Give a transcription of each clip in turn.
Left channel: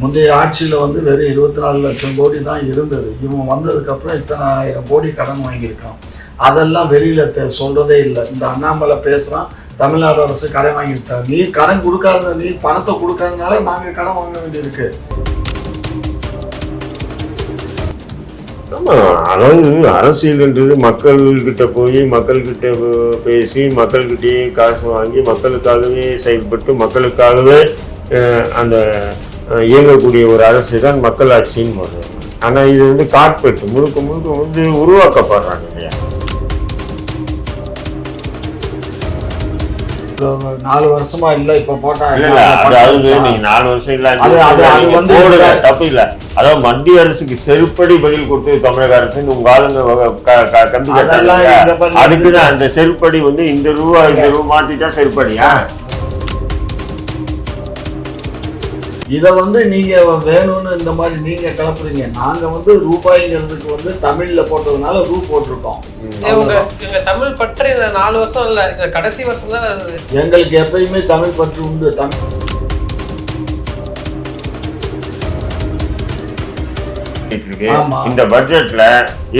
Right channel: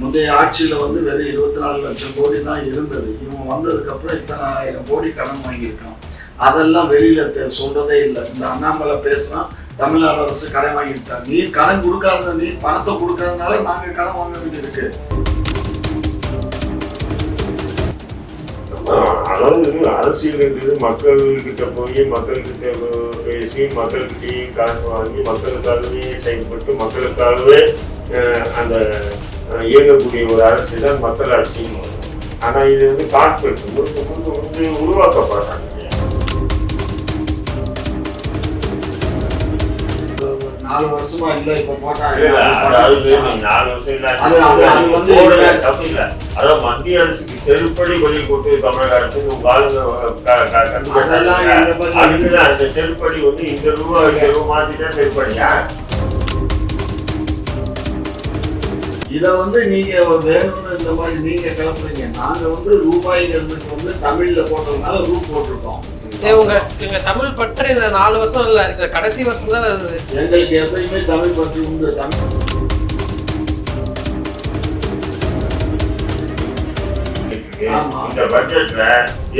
முந்தைய ஆட்சியில் வந்து வெறும் 24 லட்சம் கோடி தான் இருந்தது. இவன் வந்ததுக்கப்புறம் இத்தனை 1000 கோடி கடன் வாங்கியிருக்கான். அதெல்லாம் வெளியில் சொல்கிறதே இல்லை. இந்த அண்ணாமலை பேசுகிறான், தமிழ்நாடு அரசு கடன் வாங்கிட்டாங்க. நீ கடன் கொடுக்காத, நீ பணத்தை கொடுக்காதனால நாங்கள் கடன் வாங்க வேண்டியிருக்கு. அதாவது அரசியல்ன்றது மக்கள்கிட்ட போய் மக்கள்கிட்ட பேசி மக்கள்கிட்டயே காசு வாங்கி மக்களுக்காகவே செயல்பட்டு மக்களுக்காகவே அந்த இயங்கக்கூடிய ஒரு அரசு தான் மக்கள் ஆட்சின்னு வருது. ஆனால் இது வந்து கார்பரேட் முழுக்க முழுக்க வந்து உருவாக்கப்படுறாங்க இல்லையா? 4 வருஷமா இல்ல இப்ப போட்டாங்க. நீங்க 4 வருஷம் இல்ல தப்பு இல்ல. அதாவது மத்திய அரசுக்கு செருப்படி பதில் கொடுத்து தமிழக அரசு உங்க ஆளுங்க கண்டு அதுக்குதான் அந்த செருப்படி வந்து இந்த ரூபா மாத்திட்டா செருப்படியா? இதை வந்து நீங்க வேணும்னு இந்த மாதிரி நீங்க கிளப்புறீங்க. நாங்க வந்து ரூபாய்ங்கிறதுக்கு வந்து தமிழ்ல போட்டதுனால ரூ போட்டிருக்கோம். உங்க தமிழ் பற்று இந்த 4 வருஷம் இல்ல, இந்த கடைசி வருஷம் தான் வருது. எங்களுக்கு எப்பயுமே தமிழ் பற்று உண்டு. இந்த பட்ஜெட்ல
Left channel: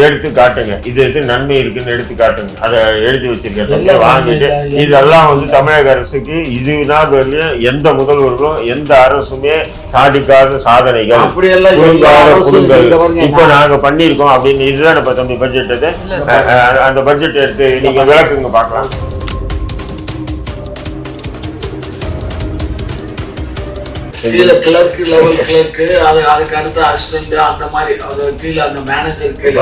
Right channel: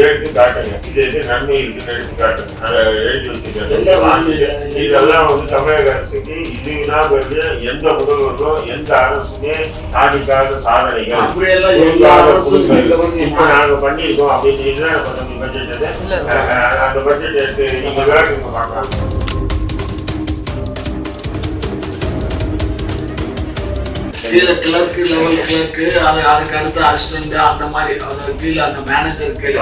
எடுத்து காட்டுங்க, இது நன்மை இருக்குன்னு எடுத்து காட்டுங்க. அதை எழுதி வச்சுக்க வாங்கிட்டு இதெல்லாம் வந்து தமிழக அரசுக்கு இதுதான் எந்த முதல்வர்களும் எந்த அரசுமே சாதிக்காத சாதனைகள் இப்ப நாங்க பண்ணிருக்கோம் அப்படின்னு. இதுதான் இப்ப தம்பி பட்ஜெட். அந்த பட்ஜெட் எடுத்து நீங்க விளக்குங்க பார்க்கலாம். கீழே கிளர்க்கு லெவல் கிளர்க்கு, அதுக்கு அடுத்த அசிஸ்டன்ட், அந்த மாதிரி கீழே அந்த மேனேஜருக்கு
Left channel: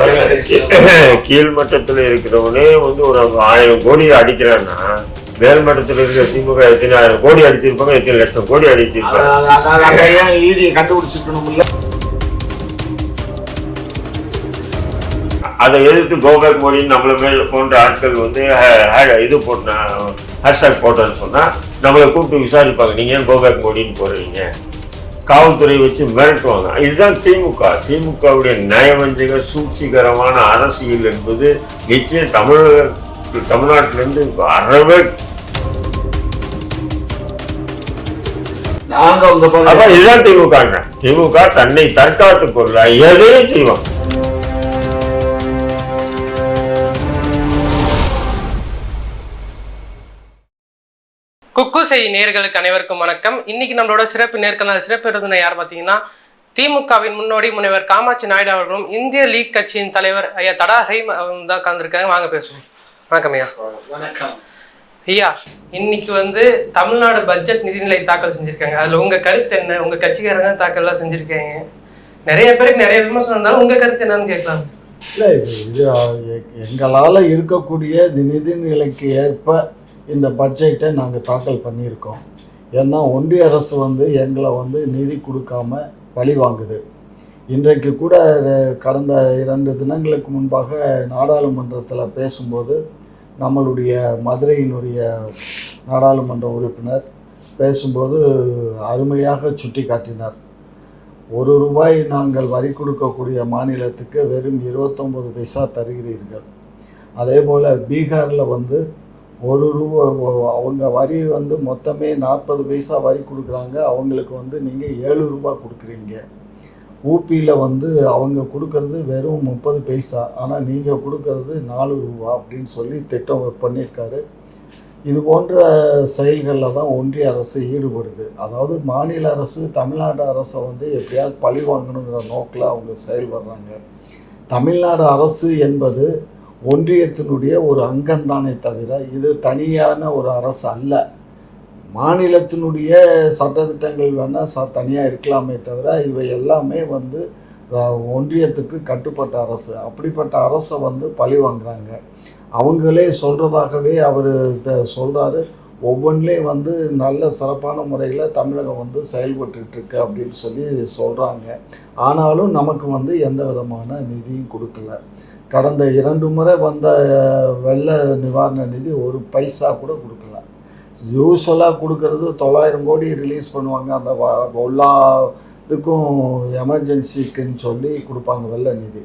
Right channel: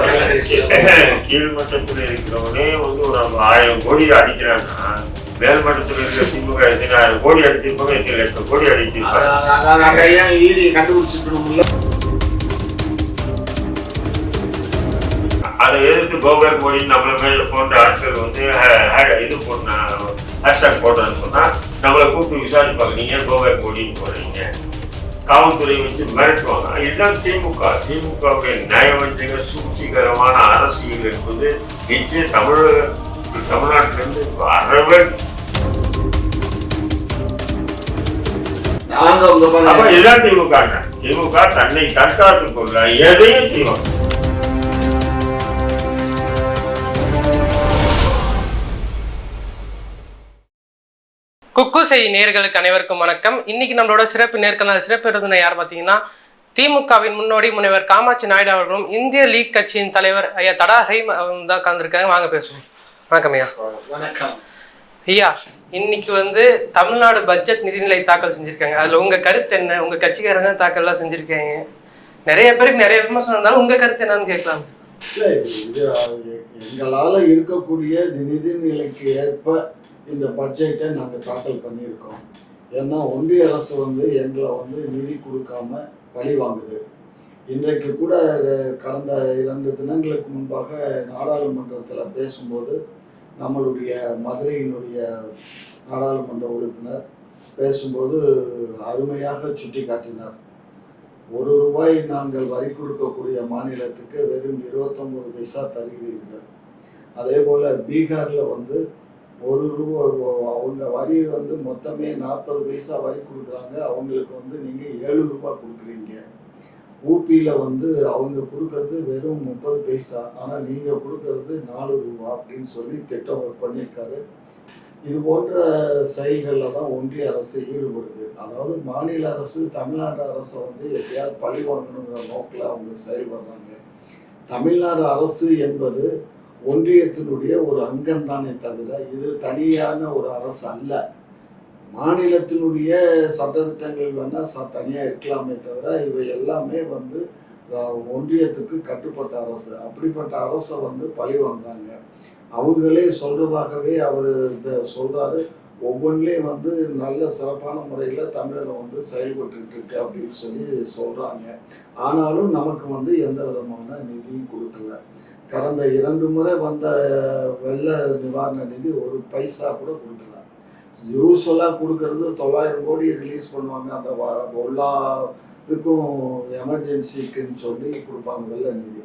கீழ்மட்டத்துல இருக்கிறவனே வந்து ஒரு 1000 கோடி அடிக்கிறான்னா மேல்மட்டத்தில் இருக்கிற திமுக 1000 கோடி அடிச்சிருப்பாங்க, 8 லட்சம் கோடி அடிச்சிருப்பாங்க. கண்டுபிடிச்சிருக்கணும்ல. அதை எதிர்த்து கோபேக் மோடின்னு நம்மள மேல போன்ற ஆட்கள் வந்து இது போட்டா ஹேஷ்டாக் போட்டோன்னு சொன்னா நம்மளை கூப்பிட்டு விசாரிப்பாங்க, நீங்க ஏன் கோபேக் மோடின்னு போடுறீங்க, காவல்துறை வச்சு மிரட்டுவாங்க. இதுதான் திமுகவுடைய நயவஞ்சக சூழ்ச்சிகரமான அரசியல் என்பது நிச்சயம் தமிழ்நாட்டிலிருந்து அறவே. இதுதான் திமுக தன்னை தற்காத்துக் கொள்ள எதையும் செய்வாங்க. குக்கு செய் நேயர்களுக்கு அனைவருக்கும் வணக்கம். இன்னைக்கு நம்மளோட சிறப்பு நேர்காணல் சிறப்பு விருந்தினர் யார் பார்த்தீங்கன்னா, திமுகவின் முன்னோடி முனைவர் காமாட்சி நாயுடு அவர்களும் இந்திய லீக் கட்சியின் தலைவர் ஐயா தடா ஹைம் அவரும் தான் கலந்துருக்காங்க. வாங்க பேசுவோம். வணக்கம் ஐயா. வணக்கம் ஐயா. இன்னைக்கு வந்து தமிழ்நாடு பட்ஜெட் நிதிநிலை தாக்கல் செஞ்சிருக்காங்க. அதுல உங்க கருத்து என்ன? உங்க கட்சிக்காரங்க தாக்கல்லாம் செஞ்சிருக்காங்க. நிறைய பேருக்கு நிறைய விமர்சனம் இருந்தாலும் உங்க கருத்து என்னன்னு கேட்கலாம். இல்லை, இது எங்களால் இருக்கக்கூடிய நிதிநிலைக்கு ஏற்ப இந்த பட்ஜெட்டை நாங்கள் தாக்கல் பண்ணியிருக்கோம். ஏன்னா ஒன்றிய அரசு வந்து எங்களை வந்து நிதி கொடுக்காம பழி வாங்குது. இன்றைக்கு கூட கடந்த 2 தினங்களுக்கு முன்பாக நாடாளுமன்றத்தில் பேசும்போது நம்மளுடைய மதுரையினுடைய நாடாளுமன்ற உறுப்பினர் பேசும்போது அருமையாக சுட்டி காட்டினார். ₹1 நாங்கள் வரி கொடுக்கக்கூடிய மாநிலத்துக்கு வெறும் 29 பைசா தருகிறீர்கள். அதே போல் பீகாரில் வந்து ₹1 அவங்க வரி வந்து மொத்தமே 40 பைசா வரி கொடுக்குறாங்க, அவங்களுக்கு வந்து நீங்கள் ₹7 கொடுக்குறீங்க. ஊபியில் வந்து அவங்க கொடுக்கறது வெறும் 30 பைசா, ஆனால் நீங்கள் கொடுக்கறது ₹4 அப்படின்னு சொல்லி திட்டம் பண்ணியிருக்காரு. இது போன்ற செயல்களில் தான் ஒன்றிய அரசு ஈடுபடுது. அதாவது மாநில அரசு தமிழ்நாடு அரசை வந்து எப்படியாவது பழி வாங்கணுங்கிற நோக்கில் அவங்க செயல்படுறாங்க. தமிழ்நாடு அரசு என்பது ஒன்றியத்தினுடைய ஒரு அங்கம்தானே தவிர இது தனியான ஒரு அரசு அல்ல. மாநிலத்தினுடைய சட்டத்திட்டங்கள் வேணால் தனியாக இருக்கலாமே தவிர இவை எல்லாமே வந்து ஒன்றியத்துக்கு கட்டுப்பட்ட அரசு. அப்படிப்பட்ட அரசை வந்து பழி வாங்குறாங்க. அவங்களே சொல்கிறதாகவே அவர் சொல்கிறாரு, ஒவ்வொன்றிலையும் வந்து நல்ல சிறப்பான முறையில் தமிழகம் வந்து செயல்பட்டுருக்கு அப்படின்னு சொல்லி சொல்கிறாங்க. ஆனாலும் நமக்கு வந்து எந்த விதமான நிதியும் கொடுக்கல. கடந்த 2 முறை வந்த வெள்ள நிவாரண நிதி 1 பைசா கூட கொடுக்கல. யூஸ்வலாக கொடுக்கறது 900 கோடி ரிலீஸ் பண்ணுவாங்க. அந்த எல்லா இதுக்கும் எமர்ஜென்சிக்குன்னு சொல்லி கொடுப்பாங்க வெள்ள நிதி.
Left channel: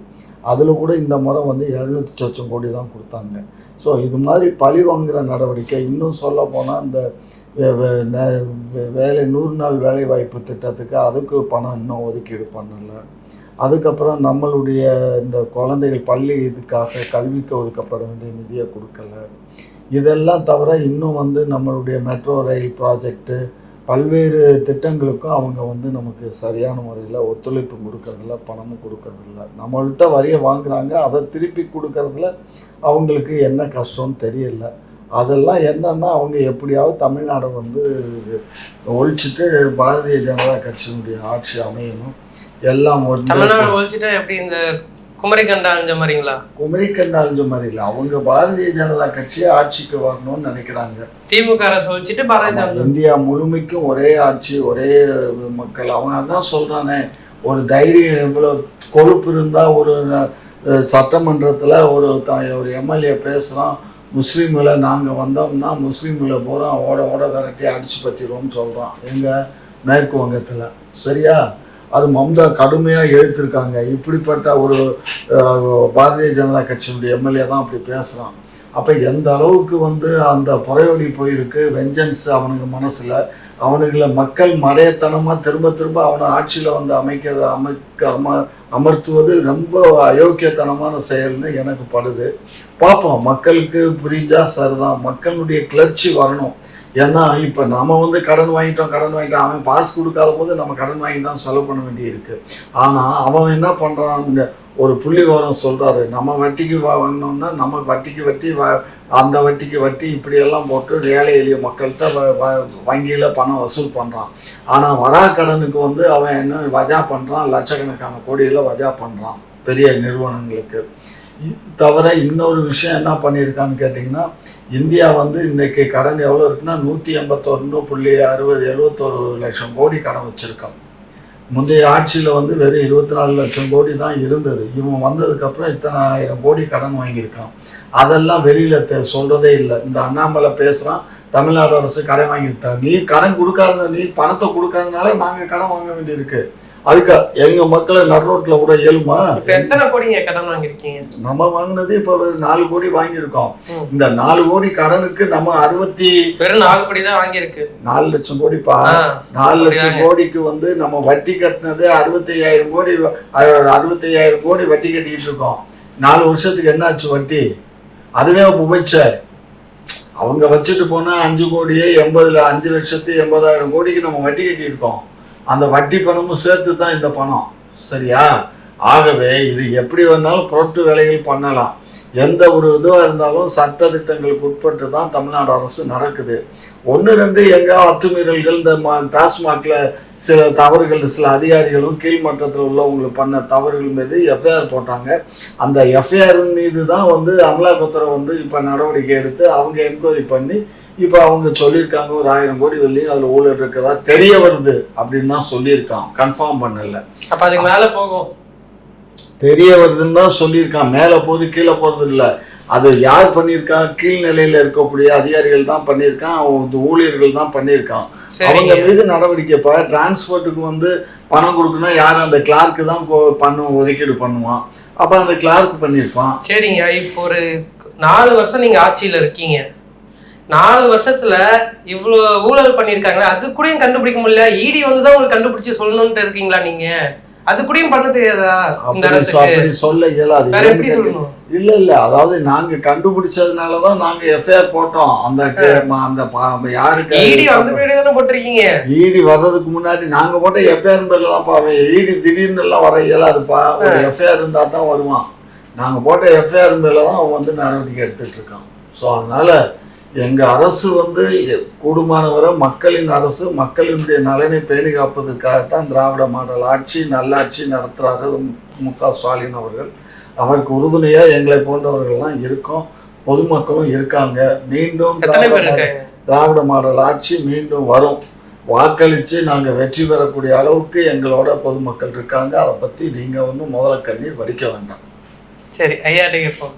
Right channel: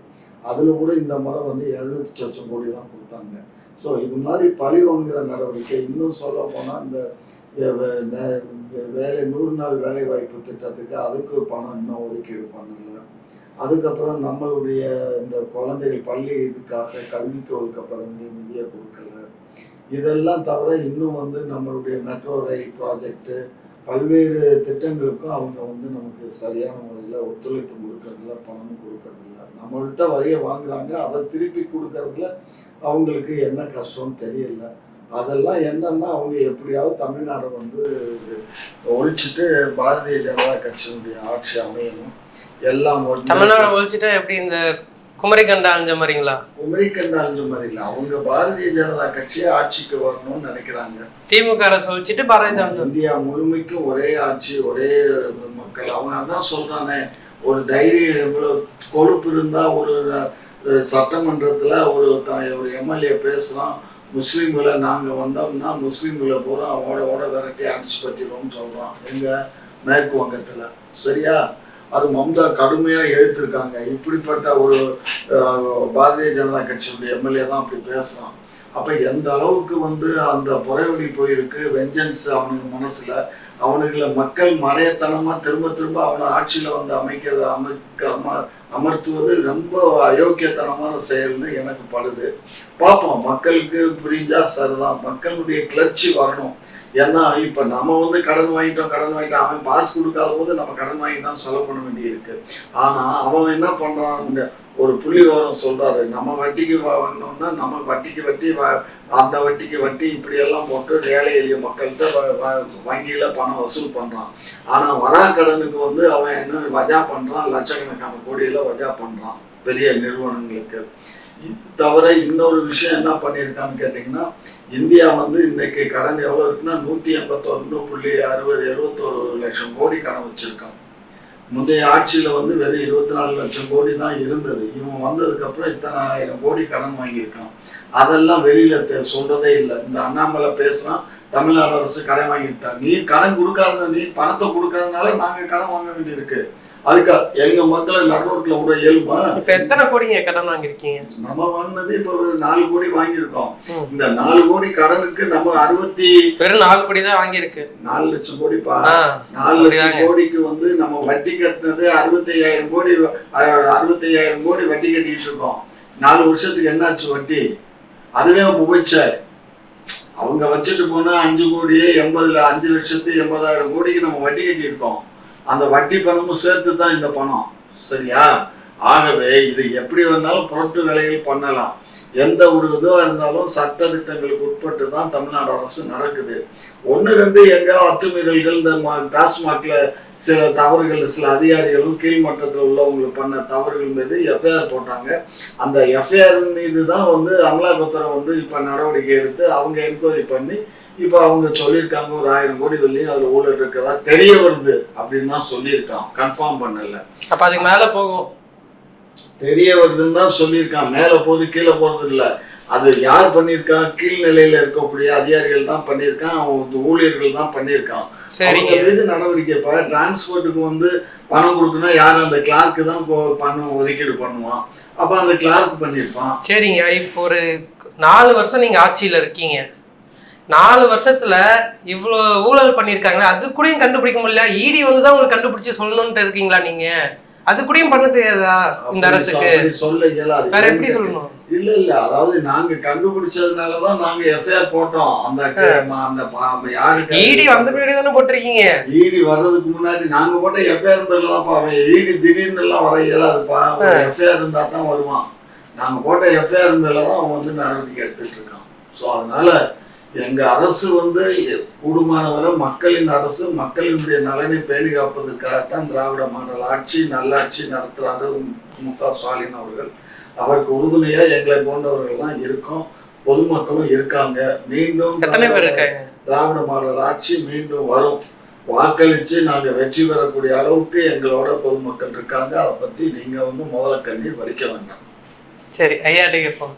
அதில் கூட இந்த முறை வந்து 700 லட்சம் கோடி தான் கொடுத்தாங்க. ஸோ இது மாதிரி பழி வாங்குகிற நடவடிக்கை. இன்னும் சொல்ல போனால் இந்த வேலை 100 நாள் வேலை வாய்ப்பு திட்டத்துக்கு அதுக்கு பணம் இன்னும் ஒதுக்கீடு பண்ணலை. அதுக்கப்புறம் நம்மளுடைய இந்த குழந்தைகள் பள்ளி இதுக்காக கல்விக்கு ஒதுக்கப்பட வேண்டிய நிதியை கொடுக்கல. இதெல்லாம் தவிர இன்னும் வந்து நம்மளுடைய மெட்ரோ ரயில் ப்ராஜெக்டு பல்வேறு திட்டங்களுக்கும் அவங்க வந்து நமக்கு சரியான முறையில் ஒத்துழைப்பு கொடுக்கறதில்ல, பணமும் கொடுக்கறதில்ல. நம்மள்கிட்ட வரியை வாங்குறாங்க, அதை திருப்பி கொடுக்கறதுல அவங்களுக்கு என்ன கஷ்டம்னு தெரியல. அதெல்லாம் என்னன்னா அவங்க எப்படியாவது தமிழ்நாடை வந்து ஒழிச்சிட்டு பாரதிய ஜனதா கட்சியினுடைய ஆட்சி அமையணும். எல்லாம் தமிழ்நாடு ஒழிச்சிட்டா எப்படி இந்த குமரிக்கண்டா அழிஞ்ச மாதிரிங்களா? குமரிக்கண்டா அழிஞ்ச மாதிரி இல்லை, அவங்க பாரதிய ஜனதா கட்சியை ஆட்சிக்கு வரணும்னு நினைக்கிறாங்க. திமுக அரசு ஒழிச்சிட்டு பாரதிய ஜனதா இந்தியா முழுமைக்கும் ஒரே ஆட்சி, ஒரே மக்கள். அவங்க அதான் சொல்றானே, ஒரு தைரியம் எவ்வளவு கொழுப்பு இருந்தா ஒரு சட்டமன்றத்தில் ஒரு எம்எல்ஏ பேசுகிறான், முஸ்லீம்களை நாங்கள் வந்தோம்னா முஸ்லீம்களை பூரா ஓட விரட்டி அடிச்சு பற்றிடுவோம்னு சொல்கிறான். எங்கள் மேற்கு வங்கத்தில் சரியா? அது மம்தா கடுமையாக எழுத்திருக்காங்க. இப்படிப்பட்ட ஒரு பாரதிய ஜனதா கட்சியினுடைய எம்எல்ஏ தான் அப்படி பேசுகிறான். அப்போ எந்த அளவுக்கு வந்து அந்த புறையொலி போயிருக்கு, வெஞ்சன்ஸ் அவனுக்கு மனசில். அவனுங்களை மக்கள் மடையத்தனமாக திரும்ப அவனை ஆட்சியில் வந்து அமர்த்துவது ரொம்ப அயோக்கியத்தனமான செயல்னு எனக்கு படுது. பார்ப்போம், மக்களுக்கு புரிஞ்சா சரிதான். மக்களுடைய கிளர்ச்சி வரணும். ஏன்னா இப்போ நம்ம வந்து கடன் வாங்கிட்டோம், அவன் பாஸ் கொடுக்காத போது நம்ம கடன் வாங்கி தான் செலவு பண்ண வேண்டியிருக்கு. ஆனால் அவன் என்ன பண்ணுறான், ஒரு புள்ளி விவரம் சொல்கிறாரு, நம்ம வட்டிக்கு வாங்கினோம்னா நம்ம வட்டிக்கு வட்டி அந்த வட்டிக்கு வட்டி இப்படியெல்லாம் போட்டு ஏழை எளிய மக்கள்கிட்ட வங்கியில் பணம் வசூல் பண்ணுறான். ஆனால் வரா கடனுக்கு வந்து அவன் என்ன வஜா பண்ணுறான், லட்சக்கணக்கான கோடியில் வஜா பண்ணுறான் பெரிய நிறுவனங்களுக்கு. தவிர இன்னொரு விஷயம் என்ன பண்ணியிருக்கான்னு கேட்டிங்கன்னா, இந்தியா வந்து இன்றைக்கி கடன் எவ்வளோ இருக்குன்னா 181.6071 லட்சம் கோடி கடன் வச்சுருக்கான். முந்தைய ஆட்சியில் வந்து வெறும் 24 லட்சம் கோடி தான் இருந்தது. இவன் வந்ததுக்கப்புறம் இத்தனை 1000 கோடி கடன் வாங்கியிருக்கான். அதெல்லாம் வெளியில் சொல்கிறதே இல்லை. இந்த அண்ணாமலை பேசுகிறான், தமிழ்நாடு அரசு கடன் வாங்கியிருக்காங்க. நீ கடன் கொடுக்காத, நீ பணத்தை கொடுக்காதனால நாங்கள் கடன் வாங்க வேண்டியிருக்கு. அதுக்கு எங்க மக்களை நடுரோட்டில் கூட இயலுமா? இப்ப எத்தனை கோடிங்க கடன் வாங்கியிருக்கீங்க? நம்ம வாங்கினது இப்ப 4 கோடி வாங்கியிருக்கோம். இந்த 4 கோடி கடனுக்கு நம்ம வெறும் 4 கோடி தான் வாங்கியிருக்கு. 4 லட்சம் கோடி 4 லட்சம் கோடிக்கு வந்து நம்ம வட்டி கட்டினது 65,000 கோடி. 65,000 கோடி வட்டி கட்டிக்கிட்டு இருக்கோம். 4 வருஷத்துக்கு என்னாச்சு வட்டி? அதுவே உபச்ச அவங்க வச்சுட்டு போனா 5 கோடியே 5,80,000 கோடிக்கு நம்ம வட்டி கட்டி இருக்கோம். அந்த வட்டி பணமும் சேர்த்து தான் இந்த பணம், சரியா? ஆகவே இது எப்படி வேணாலும் புரட்டு வேலைகள் பண்ணலாம். எந்த ஒரு இதுவாக இருந்தாலும் சட்ட திட்டங்களுக்கு உட்பட்டு தான் தமிழ்நாடு அரசு நடக்குது. 1-2 எங்கே அத்துமீறல்கள், இந்த டாஸ்மாக்ல சில தவறுகள், சில அதிகாரிகளும் கீழ்மட்டத்தில் உள்ளவங்களுக்கு பண்ண தவறுகள் மீது எஃப்ஐஆர் போட்டாங்க. அந்த எஃப்ஐஆர் மீது தான் வந்து அமலாக்கத்துறை வந்து இப்போ நடவடிக்கை எடுத்து அவங்க என்கொயரி பண்ணி இப்போ அவங்க சொல்லியிருக்காங்க ஒரு 1000 கோடி வெள்ளி அதில் ஊழல் இருக்கதா தெரிய வருது அப்படின்னு தான் சொல்லியிருக்கான். கன்ஃபார்ம் பண்ணல. அப்போ அதுக்கு மேலே போகும், தெரிய வருதுன்னு தான் சொல்லியிருக்கான். மேலே போகுது, கீழே போகிறது இல்லை. அது யார் பண்ணியிருக்கான்? கீழ்நிலையில் இருக்கக்கூடிய அதிகாரிகள் தான் பண்ணியிருக்கான், ஊழியர்கள் தான் பண்ணியிருக்கான். அவங்க மீது நடவடிக்கை. இப்போ டிரான்ஸ்போர்ட்டுக்கு வந்து பணம் கொடுக்கணும், யார்? அந்த கிளார்க்கு தான் ஒதுக்கீடு பண்ணுவான். அப்போ அந்த கிளார்க் பண்ணியிருப்பான். சரிங்க. இப்போ ஒரு 4 வருஷம் நீங்கள் ஆட்சியில் இருக்கீங்க. 4 வருஷத்துல இவ்வளோ ஊழல் பண்ணியிருக்காங்களே, அது கூடயும் கண்டுபிடிக்க முடியல. இடி வந்து தான் உங்களுக்கு கண்டுபிடிச்சு சொல்லணும்னு இருக்கீங்களா நீங்க? அது கூடயும் பண்ண தெரியாதா இந்த அரசுக்கு? சொல்ல இயலாது. வேற எப்படி சொல்லணும்? இல்ல அதாவது நாங்க கண்டுபிடிச்சதுனாலதான் நாங்க எஃப்ஐஆர் போட்டோம். அந்த யாருக்கு இடி வந்த பின்னாடி தானே போட்டிருக்கீங்க? இடி வர்றதுக்கு முன்னாடி நாங்க போட்ட எஃப்ஐஆர் பேர்ல தான் பாவேன். இடி திடீர்னு எல்லாம் வர இயலாதுப்பா. எஃப்ஐஆர் இருந்தா தான் வருவான். நாங்க போட்ட எஃப்ஐஆர் பேர்ல தான் அவன் வந்து நடவடிக்கை எடுத்துட்டு இருக்கான். ஸோ அதனால எங்க அரசு வந்து கூடுமானவரை மக்களின் அரசு, மக்களினுடைய நலனை பேணி காப்பதற்காகத்தான் திராவிட மாடல் ஆட்சி, நல்லாட்சி நடத்துறாரு மு.க. ஸ்டாலின் அவர்கள். அவருக்கு உறுதுணையா எங்களை போன்றவர்கள்லாம் இருக்கோம், பொதுமக்களும் இருக்காங்க. மீண்டும் திராவிட மாடல் ஆட்சி மீண்டும் வரும். வாக்களிச்சு நாங்க வெற்றி பெறக்கூடிய அளவுக்கு எங்களோட பொதுமக்கள் இருக்காங்க. அதை பத்தி நீங்க வந்து முதல்ல கண்ணீர் வடிக்க வேண்டாம். சரி ஐயா, கேட்போம்.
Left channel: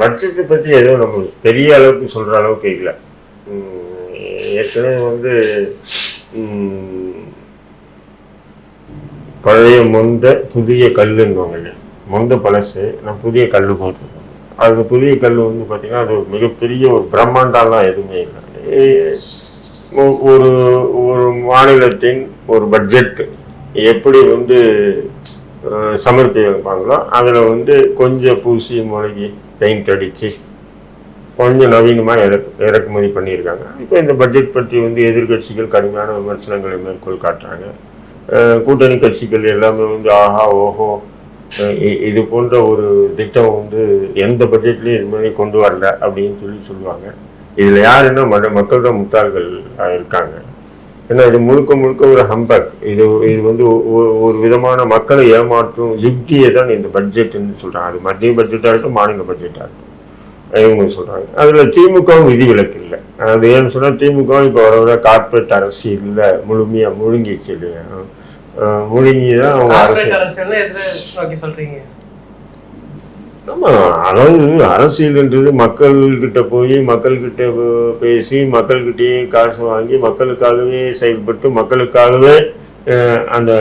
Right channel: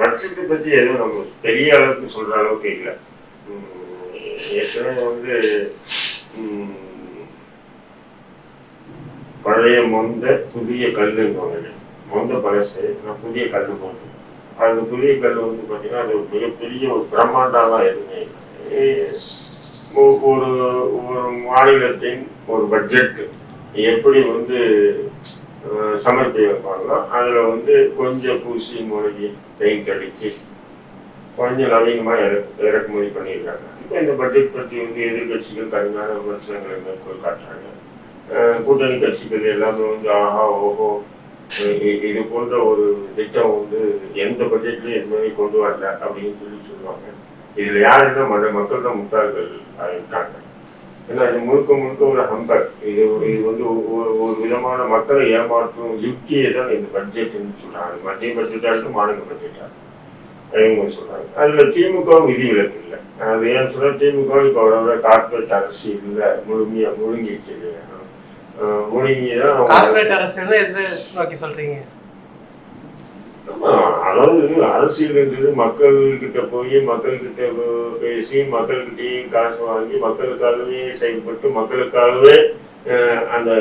பட்ஜெட்டை பற்றி எதுவும் நம்மளுக்கு பெரிய அளவுக்கு சொல்கிற அளவுக்கு இல்லை. ஏற்கனவே வந்து பழைய புதிய கல்லுன்னு மொந்த பழசு, நான் புதிய கல் போட்டிருக்கேன். அது புதிய கல் வந்து பார்த்தீங்கன்னா அது ஒரு மிகப்பெரிய ஒரு பிரம்மாண்டம்லாம் எதுவுமே இல்லை. ஒரு ஒரு மாநிலத்தின் ஒரு பட்ஜெட் எப்படி வந்து சமர்ப்பி வைப்பாங்களோ அதில் வந்து கொஞ்சம் பூசி மூழ்கி பெயிண்ட் அடித்து கொஞ்சம் நவீனமாக இறக்குமதி பண்ணியிருக்காங்க. இப்போ இந்த பட்ஜெட் பற்றி வந்து எதிர்கட்சிகள் கடுமையான விமர்சனங்களை மேற்கோள் காட்டுறாங்க. கூட்டணி கட்சிகள் எல்லாமே வந்து ஆஹா ஓஹோ இது போன்ற ஒரு திட்டம் வந்து எந்த பட்ஜெட்லையும் இதுமாதிரி கொண்டு வரல அப்படின்னு சொல்லுவாங்க. இதில் யாருன்னா மக்கள் தான் முட்டாள்கள் இருக்காங்க. ஏன்னா இது முழுக்க முழுக்க ஒரு ஹம்பக். இது வந்து ஒரு விதமான மக்களை ஏமாற்றும் யுக்தியை தான் இந்த பட்ஜெட்னு சொல்கிறாங்க. அது மத்திய பட்ஜெட்டாக இருக்கும், மாநில பட்ஜெட்டாக இருக்கும், இவங்க சொல்கிறாங்க. அதில் திமுகவும் விதிவிலக்கு இல்லை. அது ஏன்னு சொன்னால் திமுக இப்போ வர கார்பரேட் அரசியலில் முழுமையாக முழுங்கிச்சு இல்லையா? முழுங்கிதான் சொல்றீங்க. ஆமா, அதாவது அரசியல்ன்றது மக்கள்கிட்ட போய் மக்கள்கிட்ட பேசி மக்கள்கிட்டயே காசு வாங்கி மக்களுக்காகவே செயல்பட்டு மக்களுக்காகவே அந்த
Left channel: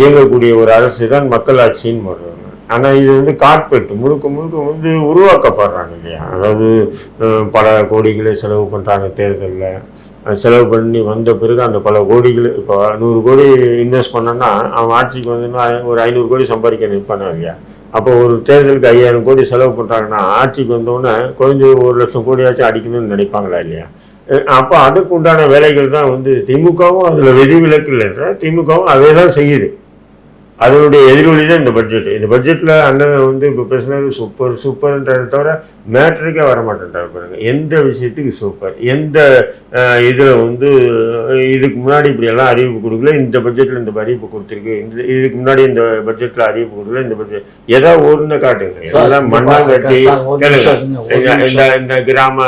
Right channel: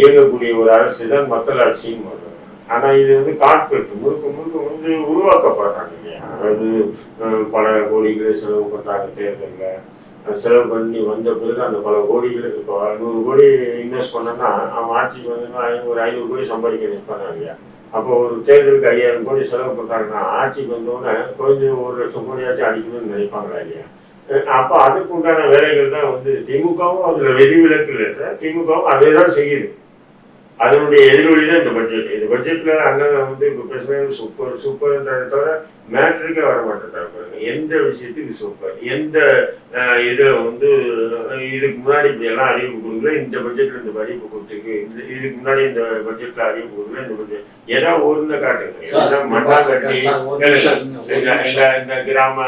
இயங்கக்கூடிய ஒரு அரசு தான் மக்களாட்சின்னு சொல்றாங்க. ஆனா இது வந்து கார்பரேட் முழுக்க முழுக்க வந்து உருவாக்கப்படுறாங்க இல்லையா? அதாவது பல கோடிகளை செலவு பண்றாங்க தேர்தலில். செலவு பண்ணி வந்த பிறகு அந்த பல கோடிகள் இப்போ 100 கோடி இன்வெஸ்ட் பண்ணோன்னா அவன் ஆட்சிக்கு வந்தோன்னா ஒரு 500 கோடி சம்பாதிக்க நிற்பானா இல்லையா? அப்போ ஒரு தேர்தலுக்கு 5000 கோடி செலவு பண்ணுறாங்கன்னா ஆட்சிக்கு வந்தோடனே கொஞ்சம் 1,00,000 கோடியாச்சும் அடிக்கணும்னு நினைப்பாங்களா இல்லையா? அப்போ அதுக்கு உண்டான வேலைகள் தான் வந்து திமுகவும் அதில் விதிவிலக்கு இல்லைன்ற திமுகவும் அதே தான் செய்யுது. அதனுடைய எதிர்வழி தான் இந்த பட்ஜெட். இந்த பட்ஜெட்டில் அண்ணன் வந்து இப்போ பேசுனது சூப்பர்ன்றதை தவிர மேட்ரிக்கே வர மாட்டேன்றாரு பாருங்க. எந்த விஷயத்துக்கு சூப்பர், எந்த இதில் வந்து இதுக்கு முன்னாடி இப்படியெல்லாம் அறிவிப்பு கொடுக்கல, இந்த பட்ஜெட்டில் இந்த அறிவிப்பு கொடுத்துருக்கு, இதுக்கு முன்னாடி இந்த பட்ஜெட்டில் அறிவிப்பு கொடுக்கல, இந்த பட்ஜெட் ஏதாவது ஒன்று காட்டுங்க. அதான் மண்ணாங்கட்டி இந்த கிராம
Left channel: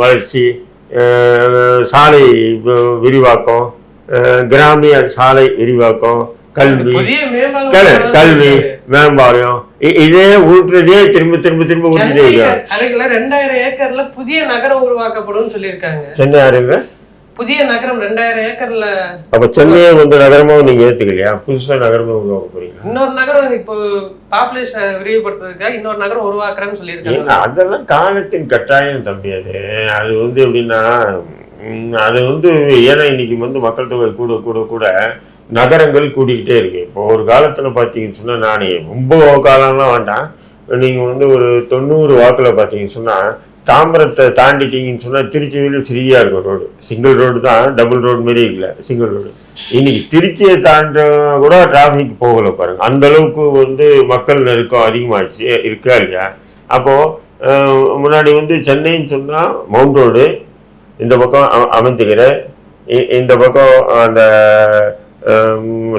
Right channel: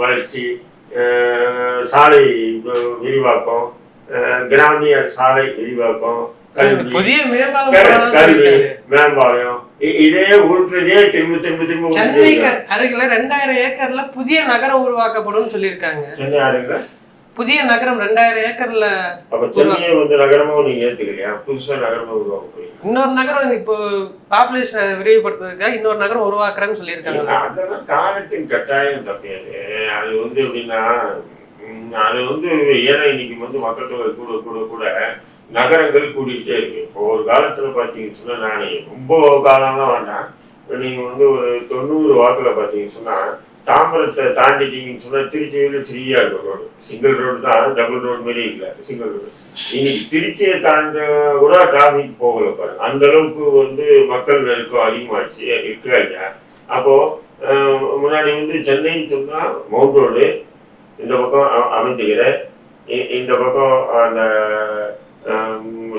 வளர்ச்சி, சாலை விரிவாக்கம், கிராமிய சாலை விரிவாக்கம், கல்வி மேம்பாலம், இதே ஊற்றுறதே திரும்ப 2000 ஏக்கர்ல புதிய நகரம் உருவாக்கப்படும் சொல்லியிருக்காங்க. சென்னை ஆறுங்க புதிய நகரம் 2000 ஏக்கர்ல. அப்ப சென்னையை வந்து நகரமும் நீங்க ஏத்துக்கலையா? புதுசா நகரமா உருவாக்க போறீங்க. இன்னொரு நகரம் இப்போ பாப்புலேஷன் விரிவுபடுத்துறதுக்காக இன்னொரு நகரம் உருவாக்குறேன்னு சொல்லியிருக்காங்க. அதெல்லாம் காலத்தின் கட்டாயம் தம்பி. அது வந்து எப்படின்னா அது வந்து ஏன்னா இன்னைக்கு வந்து மக்கள் தொகை கூட கூட கூட நகரங்கள் கூட்டிக்கிட்டே இருக்கு. இப்போ ஒரு காலத்தில் பார்த்தீங்கன்னு சொன்னால் நானே ரொம்ப காலம்லாம் வேண்டாம், நீங்கள் வந்து ஒரு 90 வாக்கில் பார்த்தீங்கன்னு சொன்னால் தாம்பரத்தை தாண்டிட்டீங்கன்னு சொன்னால் திருச்சியில் ஃப்ரீயாக இருக்கும் ரோடு. சிங்கிள் ரோடு தான், டபுள் ரோடு மாரி இல்லை, சிங்கிள் ரோடு. இன்னைக்கு திருச்சியை தாண்ட கூட டிராஃபிக் போகலை பாருங்க. அந்த அளவுக்கு வந்து மக்கள் நெருக்கம் அதிகமாகிடுச்சு இருக்கா இல்லையா? அப்போது முன்னாடி வந்து சென்னைன்னு சொன்னால் மவுண்ட் ரோடு, இந்த பக்கம் அமைந்துக்கிற, இந்த பக்கம் அந்த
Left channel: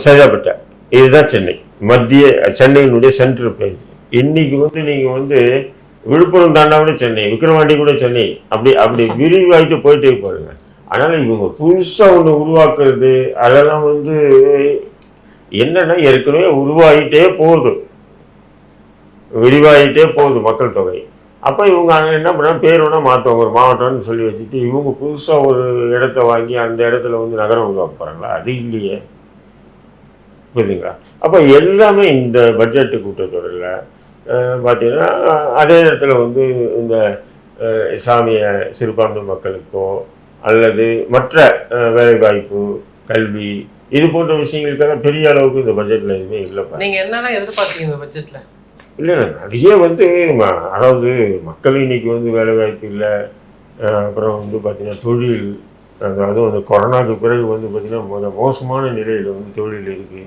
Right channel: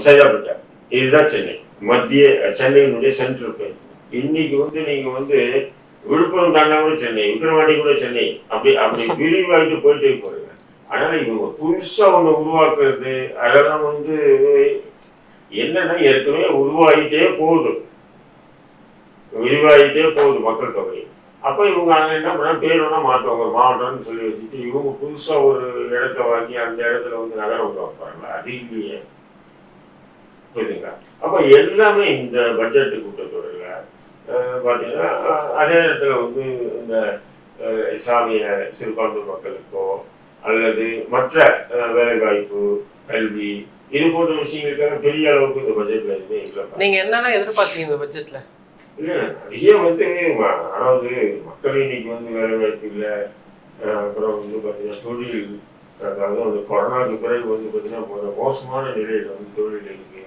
சைதாப்பேட்டை, இதுதான் சென்னை, மத்திய சென்னையினுடைய சென்ட்ரல் பிளேஸ். இன்னைக்கு வந்து நீங்க வந்து விழுப்புரம் தாண்டாமலே சென்னை, விக்கிரவாண்டி கூட சென்னை, அப்படி விரிவாகிட்டு போயிட்டே போறீங்க. அதனால இவங்க புதுசா ஒண்ணு உருவாக்குறது அதெல்லாம் வந்து என்னன்னா ஏற்கனவே உருவாகிட்டே போகுது, விரிவாகிட்டே போகுது மக்கள் தொகை. அப்போ இவங்க என்ன பண்ணால் பேர் வேணால் மாற்றுவாங்க, ஒரு மாவட்டம்னு சொல்லி வச்சுட்டு இவங்க புதுசாக ஒரு இடத்த வாங்கி அந்த இடத்துல வந்து நகரம் உருவாக்க போகிறாங்களா? அது இல்லையே, புரியுதுங்களா? அப்போ எல்லாமே இந்த பட்ஜெட்டு கூட்டத்தொடரில் பார்த்தீங்கன்னா அதே இடத்துல வந்து இந்த இஸ்லாமிய சிறுபான்மை மக்களுக்கோ அல்லது மற்ற வேலைவாய்ப்பு, கல்வி, இது போன்ற விஷயங்களுக்காக பெரிய அளவுக்கு இந்த பட்ஜெட்டில் எதுவுமே இல்லைப்பா. நீங்கள் என்னென்ன எதிர்பார்த்தீங்க இந்த பட்ஜெட்டில்? இல்லை, நிறைய வந்து அதாவது மக்கள் இன்னைக்கு வந்து வேலைவாய்ப்பு இல்லை, அப்புறம் வந்து பார்த்தீங்கன்னா தொழில், அதாவது அந்த கொரோனாவுக்கு பிறகு வந்து பார்த்தீங்கன்னா மோசமான நிலையில் வந்து தொழில் இருக்குது.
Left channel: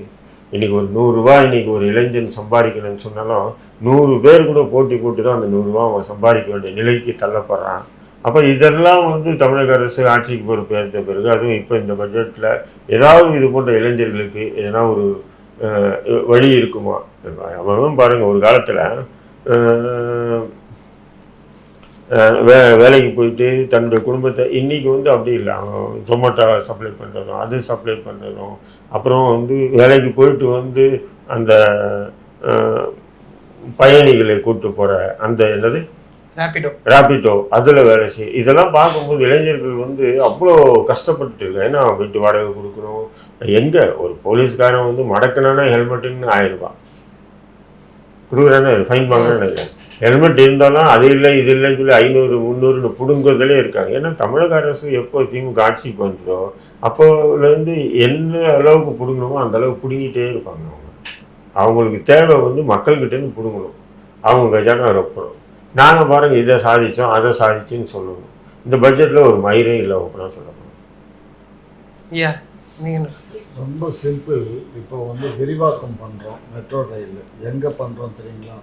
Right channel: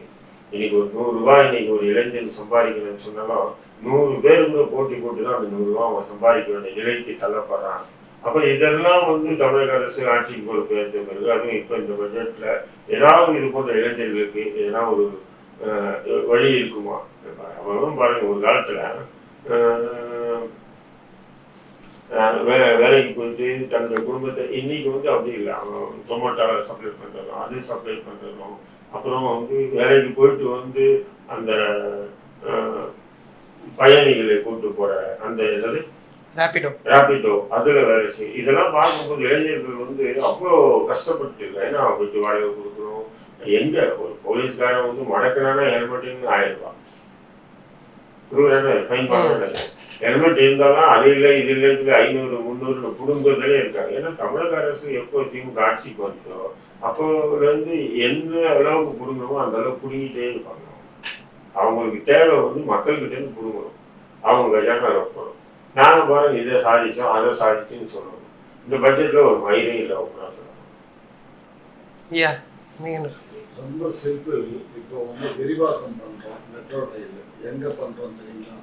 இன்னைக்கு ஒரு 100 ரூபா இன்னைக்கு ஒரு இளைஞன் சம்பாதிக்கணும்னு சொன்னாலும் 100 பேர் கூட போட்டி போட்டு தான் அந்த 100 ரூபா அவன் சம்பாதிக்க வேண்டிய நிலைக்கு தள்ளப்படுறான். அப்போ இதெல்லாம் வந்து தமிழக அரசு ஆட்சிக்கு பொறுப்பேற்ற பிறகு, அதுவும் இப்போ இந்த பட்ஜெட்டில் ஏதாவது இது போன்ற இளைஞர்களுக்கு எதனா ஒரு வழி இருக்குமா? அவனும் பாருங்க, ஒரு காலத்தில் வேலைக்கு போயிட்டு தன்னுடைய குடும்பத்தை, இன்னைக்கு வந்து அப்படி இல்லை. அவன் ஜொமேட்டோ சப்ளை பண்ணுறதும், அது சப்ளை பண்ணுறதும், அப்புறம் வந்து வேலைக்கு போயிட்டு வந்து அந்த பயணிகளை கூப்பிட்டு போகிற அந்த என்னது ராபிடோ அதில் வேலை செய்யும். இதெல்லாம் பார்க்கும்போது இளைஞர்கள் வந்து அவ்வளோ கஷ்டப்பட்டு இருக்கு. ஏன்னா வீட்டு வாடகை கொடுக்குறோம். எங்கே ஒரு போலீஸ்காரன் வந்து மடக்கினானா ஹெல்மெட்டுன்னு 1000 ரூபா, கொடுக்குறானே ஃபைன் பண்ணானே. ஹெல்மெட் இருந்தாலும் அது இல்லை இது இல்லைன்னு சொல்லி 500 300 பிடுங்குறதுலே இருக்காங்க. ஏன்னா தமிழக அரசு எப்போ திமுக ஆட்சிக்கு வந்துதோ அப்போலேருந்து என்ன அளவுக்கு பிடுங்கணுமோ அந்த அளவுக்கு பிடுங்கிட்டே இருப்பாங்க. அவங்களுக்கு தேவை வந்து மக்கள்கிட்டேருந்து பிடுங்கணும், அவங்க கஜானா ரொப்பணும். நாங்கள் பாருங்கள் இதை சாதித்தோம் அதை சாதிச்சுன்னு சொல்லணும். இந்த பட்ஜெட்டில் ஒரு மயிரே இல்லை அப்படின்னா சொல்லணும். ரொம்ப சிம்பிள். இப்போ வந்து விரிவாக்கம் பண்ணுறோம் மெட்ரோ ரயில். எங்கே பண்ணுறோம் தெரியுங்களா?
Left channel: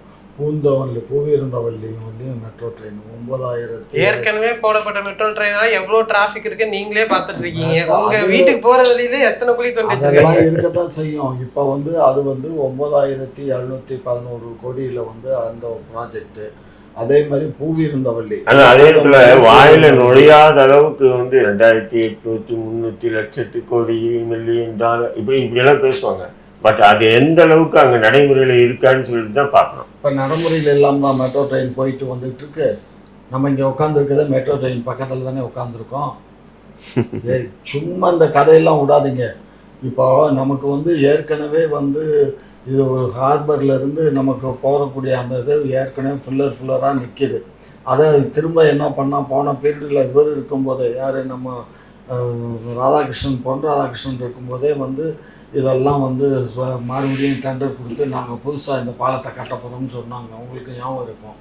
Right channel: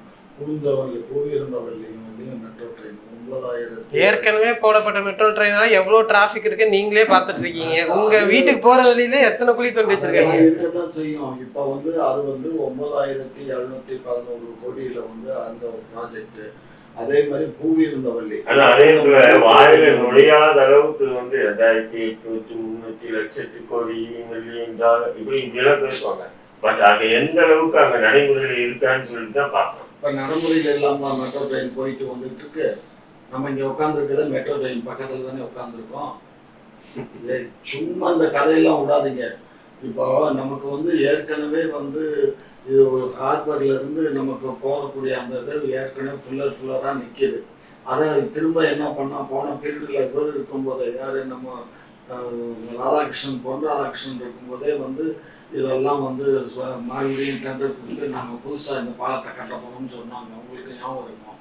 பூவிருந்தவல்லியும் மெட்ரோ ட்ரெயின் 9000. ஏற்கனவே போடப்பட்ட மெட்ரோ ட்ரெயினால எவ்வளவு டிராஃபிக் இருக்கு நீங்களே பார்த்துட்டு இருக்கீங்க. உங்க வீட்டுக்கு போற வழியில எத்தனை குழி தோண்டி வச்சிருக்காங்க? இருக்கதான் செய்யும். இப்போ வந்து அது வந்து 9711 கோடியில வந்து அந்த ப்ராஜெக்ட். அதே மாதிரி பூவிருந்தவல்லி அதே இடத்துல வாயில நுழையாத அளவுக்கு வந்து 2800 லட்சத்து கோடி மில்லியன் டாலர் இப்படியெல்லாம் பேசுவாங்க. பட் அது எந்த அளவுக்கு அங்கே நடைமுறையில் இருக்கான்னு சொல்லிட்டு தான் பார்க்கணும். இப்போ நடைமுறையில் இல்லாமல் மெட்ரோ ட்ரெயின் போயிட்டு வந்துட்டு இருக்கு. நம்ம இங்கே உட்காந்துருக்கதே மெட்ரோ ட்ரெயின் பக்கத்தில் தானே உட்காந்துருக்கோம். சும்மா இந்த கதையெல்லாம் விடாதீங்க. இப்போ நமக்கு வந்து ஏற்கனவே வந்து இது ஹார்பர்ல இருந்து நமக்கு போகக்கூடிய அந்த இது ஏற்கனவே ஃபுல்லராக நிற்கிது. அதை திரும்ப என்ன பண்ணால் போன பீரியடில் இவர் இருக்கும்போதே யார் நம்ம ராதாகிருஷ்ணன் இருக்கும்போதே வந்து இதெல்லாம் வந்து மறுபடியும் டெண்டர் கொடுத்து நாங்கள் புதுசாக இந்த பாலத்தை கட்ட போகிறோம்னு சொன்னாங்க. உங்களுக்கு ஞாபகம் இருக்கும்.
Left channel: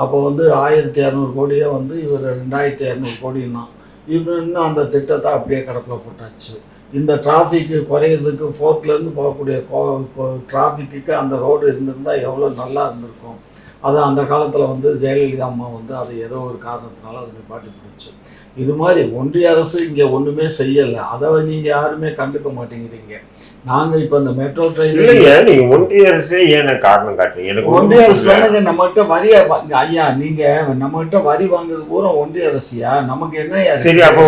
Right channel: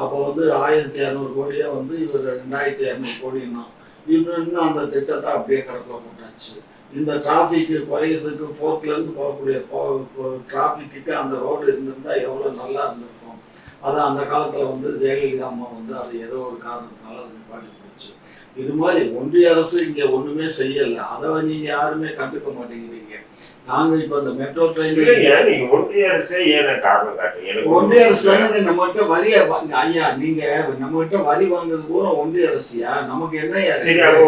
அப்போ வந்து 1200 கோடியே வந்து இவர் 2200 கோடின்னா இவர் இன்னும் அந்த திட்டத்தை அப்படியே கடப்பில் போட்டாச்சு. இந்த டிராஃபிக்கு குறையிறதுக்கு 4th போகக்கூடிய டிராஃபிக்கு அந்த ரோடு இருந்திருந்தால் எவ்வளோ நல்லா இருந்திருக்கும். அது அந்த காலத்தில் வந்து ஜெயலலிதா அம்மா வந்து அது ஏதோ ஒரு காரணத்தினால அதை நிப்பாட்டி போச்சு. இது மாதிரி ஒன்றிய அரசு இங்கே ஒன்றுமே செய்யலை. அதை நீங்கள் யாருமே கண்டுக்க மாட்டேங்கிறீங்க. நாங்கள் இப்போ இந்த மெட்ரோ ட்ரெயின் நீங்கள் ஒன்றிய அரசே ஏன் காரணம் காட்டுங்க? ஒன்றிய அரசு தானங்க நம்மகிட்ட வரியை ஐயா. நீங்கள் நம்மகிட்ட வரி வாங்குறது பூரா ஒன்றிய அரசியா? நமக்கு என்ன சரி, அப்போ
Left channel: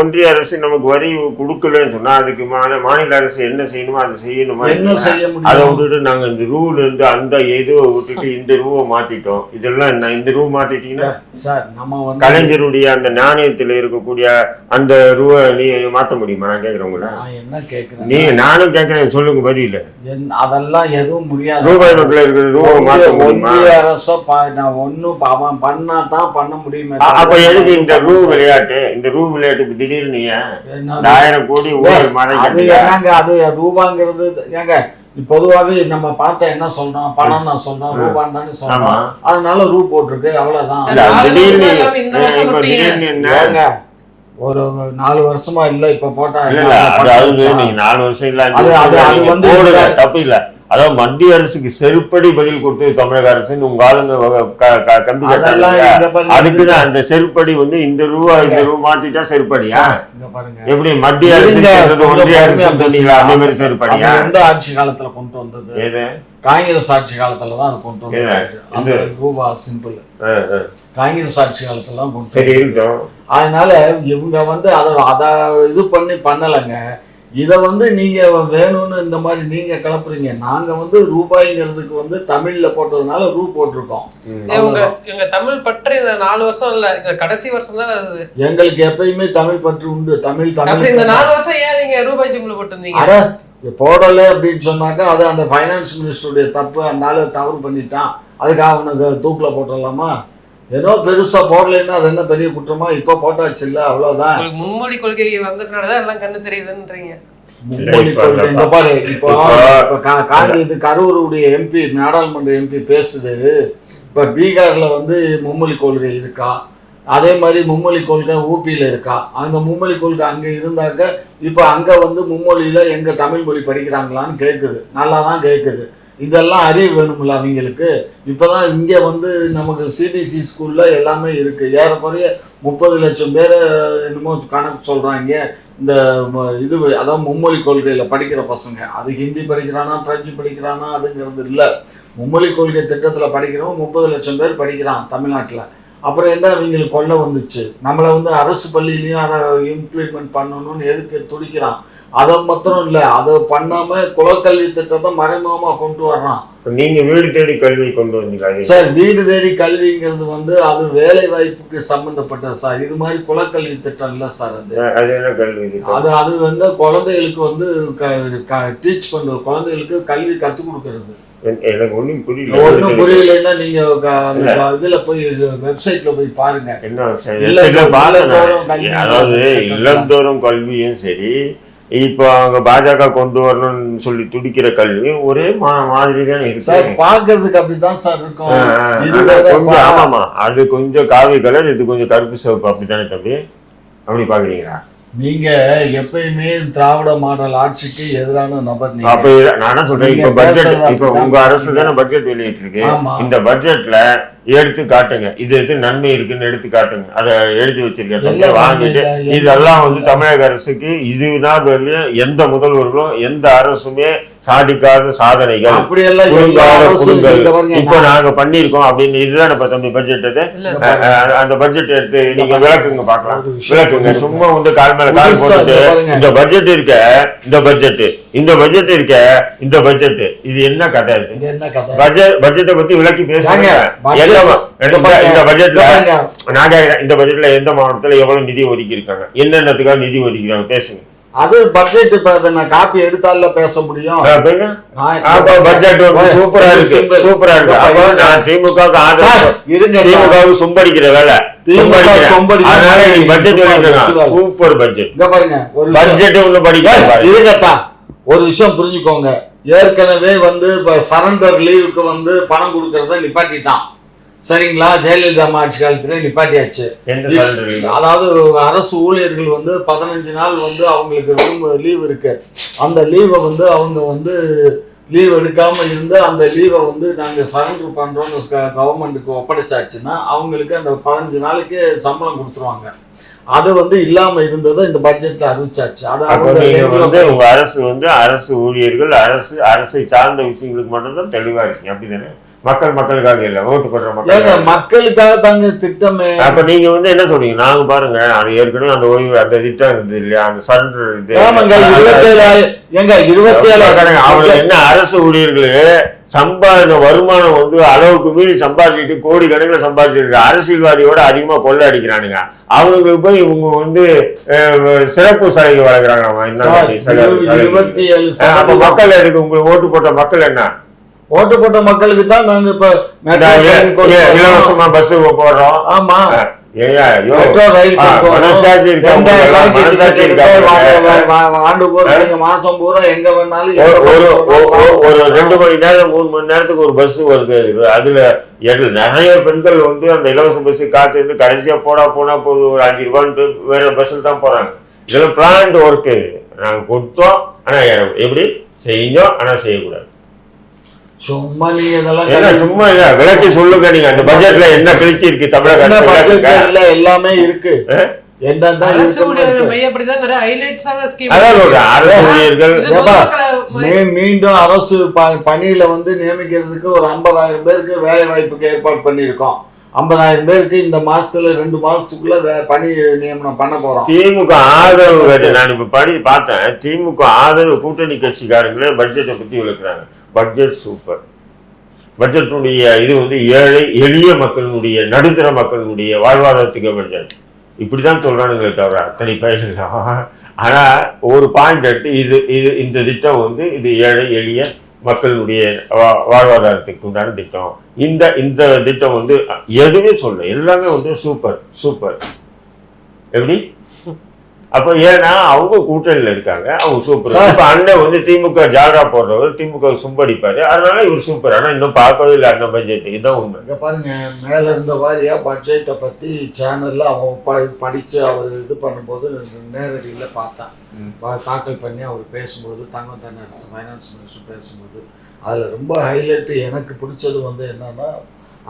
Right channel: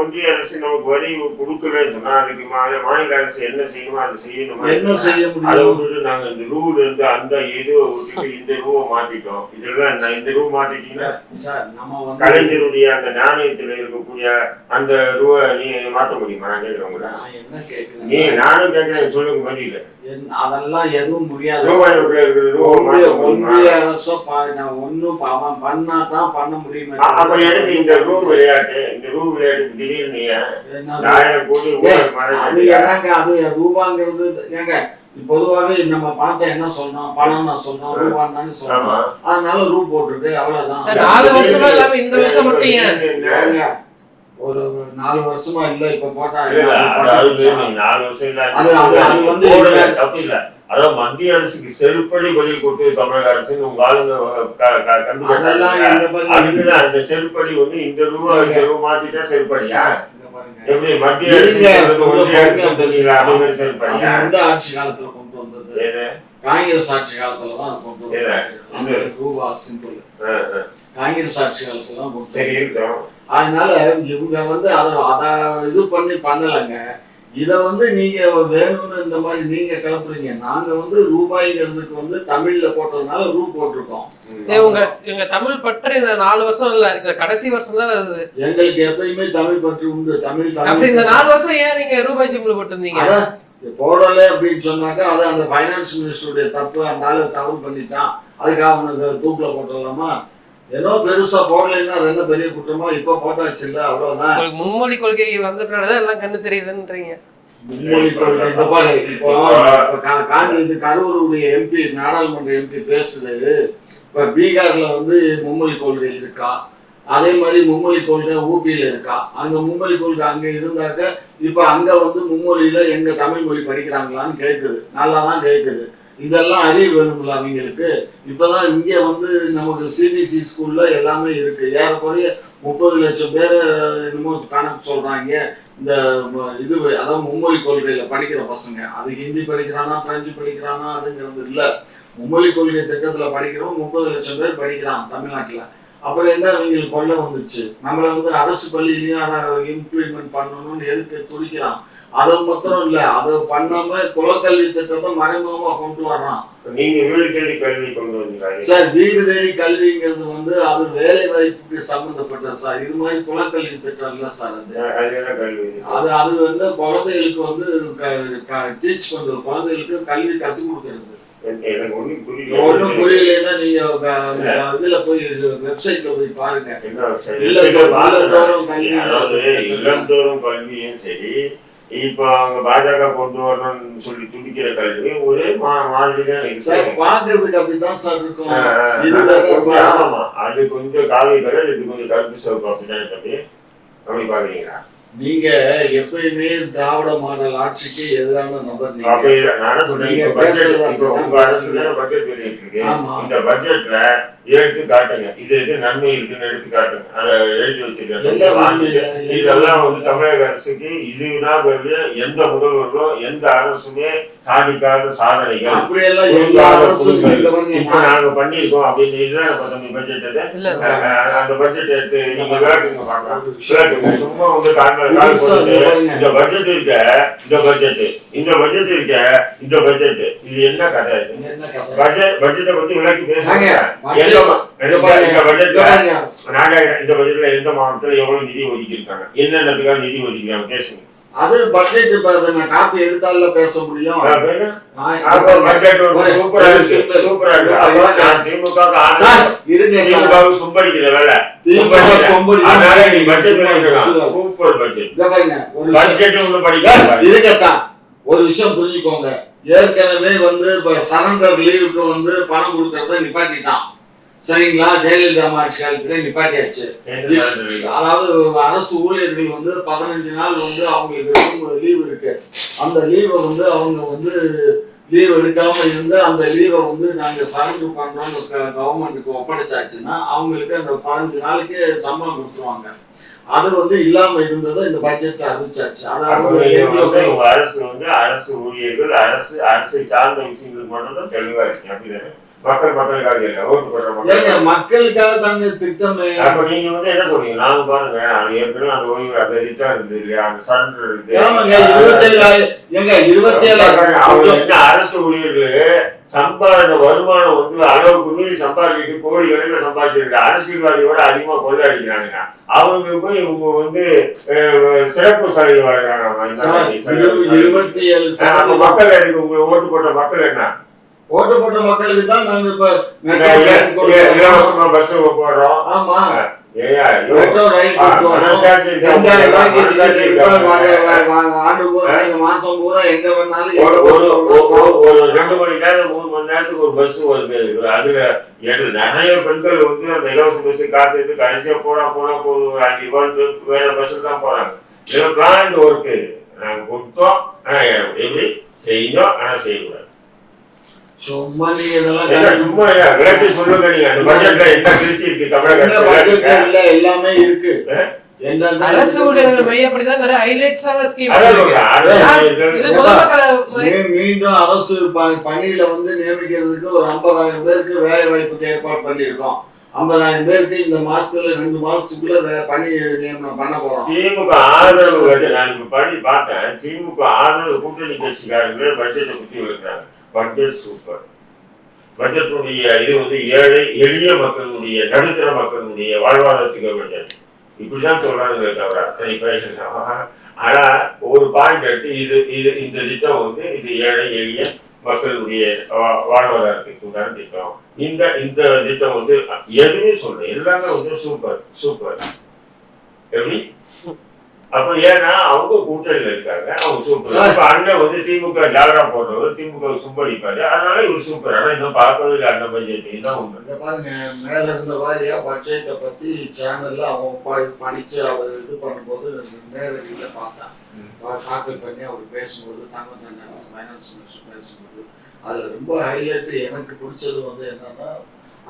ஒன்றிய அரசு நமக்கு வரி கொடுக்கலன்னு சொன்னால் அதுக்கு மாநில அரசு என்ன செய்யணுமோ அதை செய்யணுமா? என்ன செய்ய முடியும்? அதை விட்டுட்டு நாங்கள் இந்த ரூல் இருந்து அந்த ஏதோ விட்டுட்டு இந்த ரூவை மாற்றிட்டோம். இதெல்லாம் இந்த ரூ மாற்றிட்டீங்கன்னா சார் நம்ம வந்து கலைஞருடைய அந்த நாணயத்தில் இருக்கக்கூடிய அந்த ரூவை நீ மாற்ற முடியுமா? நான் கேட்குறவங்கள என்ன கேட்குறேன் நானும் கேட்கிறேன், சொல்லுங்க பதில். அதெல்லாம் எதுவும் முடியாது. ரூபாய் நோட்டில் இருக்கிற ரூபாய் மாற்ற முடியுமா? ஒன்றிய அரசோ நான் ஒன்றும் அவன் பண்ணா தான் பண்ண முடியுமே. அப்ப எதுக்கு இந்த ரூ விளையாட்டு? இந்த ரூ விளையாட்டுக்கு திடீர்னு 1000 கோடி அது என்னங்க? அது ரூபாங்கிறது ஏங்க பொதுவாகவே நம்ம பணத்தை என்ன சொல்றோம்? பணம் நான் சொன்னோம், ரூபான்னு தானே சொல்றோம். அதனால ரூ போட்டிருக்கு, அவ்வளவுதான். ஒரு 4 வருஷமா இல்ல இப்ப போட்டா 4 வருஷம் இல்ல. அது வந்து தப்பு இல்ல. அதாவது மத்திய அரசுக்கு செருப்படி பதில் கொடுத்து தமிழக அரசு உங்க ஆளுங்க அதுக்குதான் அந்த செருப்படி வந்து இந்த ரூபா மாத்திட்டா செருப்படியா? எப்படி மத்திய அரசு செருப்படியா? எந்த ஆட்சி காலத்துல கொண்டு வந்தது? காங்கிரஸ் ஆட்சி காலத்துலதான் அது கொண்டு வந்தது. ரூபா சிம்பிள் காங்கிரஸ் ஆட்சி காலத்துல தான் கொண்டு. அதனால இவங்க வந்து அதை இது பண்ணலைங்க. இதை வந்து நீங்க வேணும்னு இந்த மாதிரி நீங்க கிளப்புறீங்க. நாங்க வந்து ரூபாய்ங்கிறதுக்கு வந்து தமிழ்ல போட்டதுனால ரூ போட்டிருக்கோம். இவங்க தமிழ் பற்று இந்த 4 வருஷம் இல்ல, கடைசி வருஷம் தான் வருது. எங்களுக்கு எப்பயுமே தமிழ் பற்று உண்டு. தமிழ் இந்த 4 வருஷம் ஏன் நீங்க ரூபாய் சிம்பிள் போட்டிருந்தீங்க? போடலை அப்படின்னு சொன்னாக்கா அது அந்த ஃபைனான்ஸ் மினிஸ்டருடைய தப்பு. அந்த ஆளு தவறு பண்ணிட்டான், அதுக்காக அவனுக்கு தூக்கில் போட்டுடலாமா? ஏதோ பெருசா போடலைன்னா அது என்ன பெரிய குற்றமா? இப்ப போட்டாச்சு இல்ல, அவ்வளவுதான். மும்மொழி கொள்கை வந்ததுனாலதான் எல்லாம் கண்ணு தெரியுதுன்றீங்க. மும்மொழி கொள்கை இந்த பாரு. இப்போ கரூருடைய எம்பி, நாடாளுமன்ற எம்பி பேசுது. இப்ப பீகார்ல வந்து மும்மொழி கொள்கை இருக்கா? அதே மாதிரி மும்மொழி கொள்கை ஊபியில இருக்கா? அந்த மும்மொழி கொள்கை அங்க இருந்தாக்க இப்ப அங்க வந்து மும்மொழியில எங்க தமிழ் மொழி படிக்கிறாங்களான்னு கேட்குது. நல்லா தான் கேட்குது. இதெல்லாம் அறிவு வேணும்ல அவங்களுக்கு. இப்போதான் இங்கே வந்து நமக்கு சிபிஎஸ்சி ஸ்கூல்ல எல்லாமே இருக்கு. ஏறக்குறைய 30 லட்சம் பேர் என்னமோ கணக்கு சொல்றாங்க. இந்த இது அதான் மும்மொழி கொள்கையில படிக்கிற பசங்க. அது ஹிந்தி படிக்கிறானா பிரெஞ்சு படிக்கிறானா அதுங்கிறது இல்லை. மும்மொழி கொள்கை திட்டத்தில் படிக்கிறவங்க 30 லட்சம் பேர் படிக்கிறான் தமிழ்நாட்டில். அப்புறம் என்ன அவங்களுக்கு கொள்ள வந்துச்சு? நம்மளை வந்து அரசு பள்ளியிலையும் அதை இம்ப்ளிமெண்ட் பண்ணணும்னு எதுக்கு துடிக்கிறான்? அதை மாத்திரம் இல்ல, அதை பண்ணாம குலக்கல்வி திட்டத்தை மறைமுகமா கொண்டு வர்றான். நீங்க வீடு தேடி கல்வி கொண்டு வந்தீங்க சார். வீடு தேடி கல்விங்கிறது வந்து அது வேலை வாய்ப்புக்கு சம்பந்தப்பட்ட சார். இது மாதிரி குலக்கல்வி திட்டம் இல்ல சார். அது அது வந்து குழந்தைகளுக்கு வந்து டீச் பண்றது, குழந்தைகளுக்கு கல்வி கற்றுக் கொடுக்கறது. எனக்கு ஒண்ணும் ஒன்றும் புரியல. புரியலைன்னா நீங்க அந்த இதுல போய் வெப்சைட்ல போய் பாருங்க. என்ன அதாவது இல்லந்தோறும் கல்வியும் சரி, இப்போ அவங்க பாஜக கொண்டு வரணும்னு சொல்லி துடிக்கிற கல்வியும் ஒரே மாதிரி தான் இருக்கு. பாக்குறதுக்கு அப்படிதான் சார் இருக்கும். ஆமாமா, அது கொஞ்சம் காவி கலர், இது கொஞ்சம் கருப்பு சிவப்பு, அப்படித்தானே தம்பி? அப்படி பாக்குறீங்களா? நீங்க எப்பயுமே திராவிட மாடல் ஆட்சிக்கு எதிரான நபர். அப்ப நான் சொல்றேன், இப்ப பட்ஜெட், இப்ப உங்க அரசு தானே பட்ஜெட் வெளியிட்டு இருக்கு. இந்த பட்ஜெட்ல எடுத்து காட்டுங்க, இது நன்மை இருக்குன்னு எடுத்து காட்டுங்க. அதை எழுதி வச்சிருக்க வாங்கிட்டு இதெல்லாம் வந்து தமிழக அரசுக்கு இதுதான் எந்த முதல்வர்களும் எந்த அரசுமே சாதிக்காத சாதனைகள் இப்ப நாங்க பண்ணிருக்கோம் அப்படின்னு. இதுதான் இப்ப தம்பி பட்ஜெட். அந்த பட்ஜெட் எடுத்து நீங்க விளக்குங்க, பாக்கலாம், விளக்குங்க. சும்மா வந்து கால் மேல கால் போட்டு இந்த பட்ஜெட் இருக்க, இந்த பட்ஜெட், இந்த பட்ஜெட் இருக்க, இந்த பட்ஜெட், இது என்ன கதை இருக்கு? பட்ஜெட்டை பத்தி விளக்கி பேசுறாங்க. இந்த பட்ஜெட்ல நாங்க இந்த பட்ஜெட்ல எந்த மாவட்டத்துல எவ்வளவு நிதி ஒதுக்கி இருக்காங்க, என்னென்னதுக்காக நிதி ஒதுக்கிறாங்க, பேசுங்க. அது பட்ஜெட் நான் காப்பி எடுத்தால பேச முடியும். பட்ஜெட் சூப்பரா இருக்கு, சூப்பரா இருக்கு. திமுக சும்படிக்கிற வேலை, அதனால நீங்க பட்ஜெட் சூப்பர் பட்ஜெட். பட்ஜெட் ஒண்ணு படிக்க இருக்கத்தா. ஒரு விஷயம் புரிஞ்சுக்கோங்க, ஏற்கனவே வந்து சரண்டர் லீவுக்கு வந்து பணம் கொடுக்கறத நிப்பாட்டிட்டான். சரிங்களா? ஜெயலலிதா ஆட்சி காலத்துல நிப்பாட்டியாச்சு. அதாவது அரசு ஊழியர்கள் வந்து 15 நாள் வந்து அவங்களுக்கு லீவ் இருக்கு. அந்த லீவை வந்து அவங்க வந்து லீவ் எடுக்காம இருந்து அந்த லீவை வந்து நாங்க சரண்டர் பண்றோம்னு கவர்மெண்ட்டுக்கு ஒப்படைச்சாச்சுன்னா அவங்களுக்கு அந்த 15 நாளைக்கு சம்பளம் கொடுத்துருவாங்க. அது வந்து இல்லாம இருந்ததை இந்த பட்ஜெட்ல அறிவிச்சாச்சு. அதாவது அரசு வந்து அரசு ஊழியர்கள் அரசை சார்ந்த விஷயங்களுக்கு மட்டும்தான் தெளிவா இருக்கு, அப்படிதானே? மக்களுக்காக இல்ல, ஓட்டு போடுற மக்களுக்காக தாங்க திட்டமே. அப்ப நீங்க வந்து என்ன சொல்றீங்க? நாங்க பாருங்க, ஏற்கனவே அந்த ஓய்வு அந்த திட்டம் இருந்தது இல்லையா, அந்த சரண்டர் என்ன அரசு ஊழியர்களே சம்பாதிக்க வருமானம் வந்து அளவுக்கு மீறி சம்பாதிச்சுட்டு கோடி கணக்கில் சம்பாதிச்சிருக்கு. அரசியல்வாதியோட அதிகமா கொள்ளை அடிக்கிறானுங்க. அவங்களுக்கு போய் இவங்க வந்து சிறப்பு சலுகை வழங்குறாங்க. மக்கள் எதுக்கு? உங்களுக்கு ஓட்டு போட்ட மக்கள் என்ன? ஓட்டு போட்ட மக்களுக்கு தான் நாங்க இப்ப இலவசமா பஸ் போடுறோம். ஆமா, மெட்ரோ ரயில் ஆண்டு பூரா மாசம் பூரா எங்க வேணாலும் ஒரு 2 மணி நேரம் 3 மணி நேரத்துக்கு ஒரு பஸ் வருது. அதுல நிறைய பெண்கள் வந்து அந்த இலவச பஸ் காத்து இருந்து கடைசியா போனா போது ஒரு 5 ரூபாய் வேற பஸ்ல தான் போறாங்க. இதுல பிளான் ஒர்க்கு நாங்க கொடுத்தோம், ஆனா எப்படி செஞ்சோம், ஆனா செய்யக்கூடாது. சும்மா நீங்க இதெல்லாம் சும்மா விளக்கி சொல்லுங்க. நீங்க அந்த பட்ஜெட்ல என்ன கிழிச்சி இருக்கு தமிழக எல்லாமே இருக்கு. மீண்டும் அரசு பணியில வந்து நியமிக்கிறதுக்கு ஒரு 50,000 பேருக்கு வேலை வாய்ப்புக்கு ஏற்பாடு பண்ணிருக்கோம். 50,000 பேருக்கு இந்த மாசத்துல 2 மாசத்துக்குள்ள பணி நியமனம் பண்ண போறோம். திமுக ஆதரவு நான் இப்ப பணி பார்த்தேன். திமுக ஆதரவு கூட்டணி கட்சிக்காரங்களே பட்ஜெட்டை பத்தி விளக்குறாங்க. Budget super. பட்ஜெட்டுடைய இது வந்து ஏழை எளிய மக்களுடைய நடுத்தர மக்களுடைய வாழ்வாதாரத்துக்கு பட்ஜெட் இப்படிதான் சொல்றானுங்களே தவிர அத்தனை பேச. ஆனா ஒரு பாயிண்ட் எடுத்து இது இந்த திட்டம் வந்து இது ஏழை எளிய மக்களுடைய வாழ்வாதாரத்துக்கு உண்டான திட்டம். இந்த திட்டம் வந்து எதுவுமே சொல்ல எல்லாமே வந்து சூப்பர். எப்படி? அப்ப ஏன்னா அவங்க கூட்டணியில இருக்காங்க, அவங்க சூப்பர். இப்ப அண்ணன் வந்து திமுக ஜாடா போடுறவர், திமுக சும்படிப்பாரு, அதனால இவர் சூப்பர். ஆனா இன்னும் பார்க்கவே இல்லை அண்ணன் பட்ஜெட். இதுதான் உண்மை. பாருங்க, மேல இருந்த வாரியா பட்ஜெட்டை பத்தி சேனல்ல அவங்க படிச்சு அவர் இது பண்ணும்போது நேரடியில பார்த்தேன். தாக்கல் பண்ணி அவர் பேசும்போது தங்கம் தென்னரசு ஃபைனான்ஸ் மினிஸ்டர் பேசும்போது அதுல ரொம்ப ஹைலைட் எனக்கு பிடிச்சது வந்து என்னன்னா,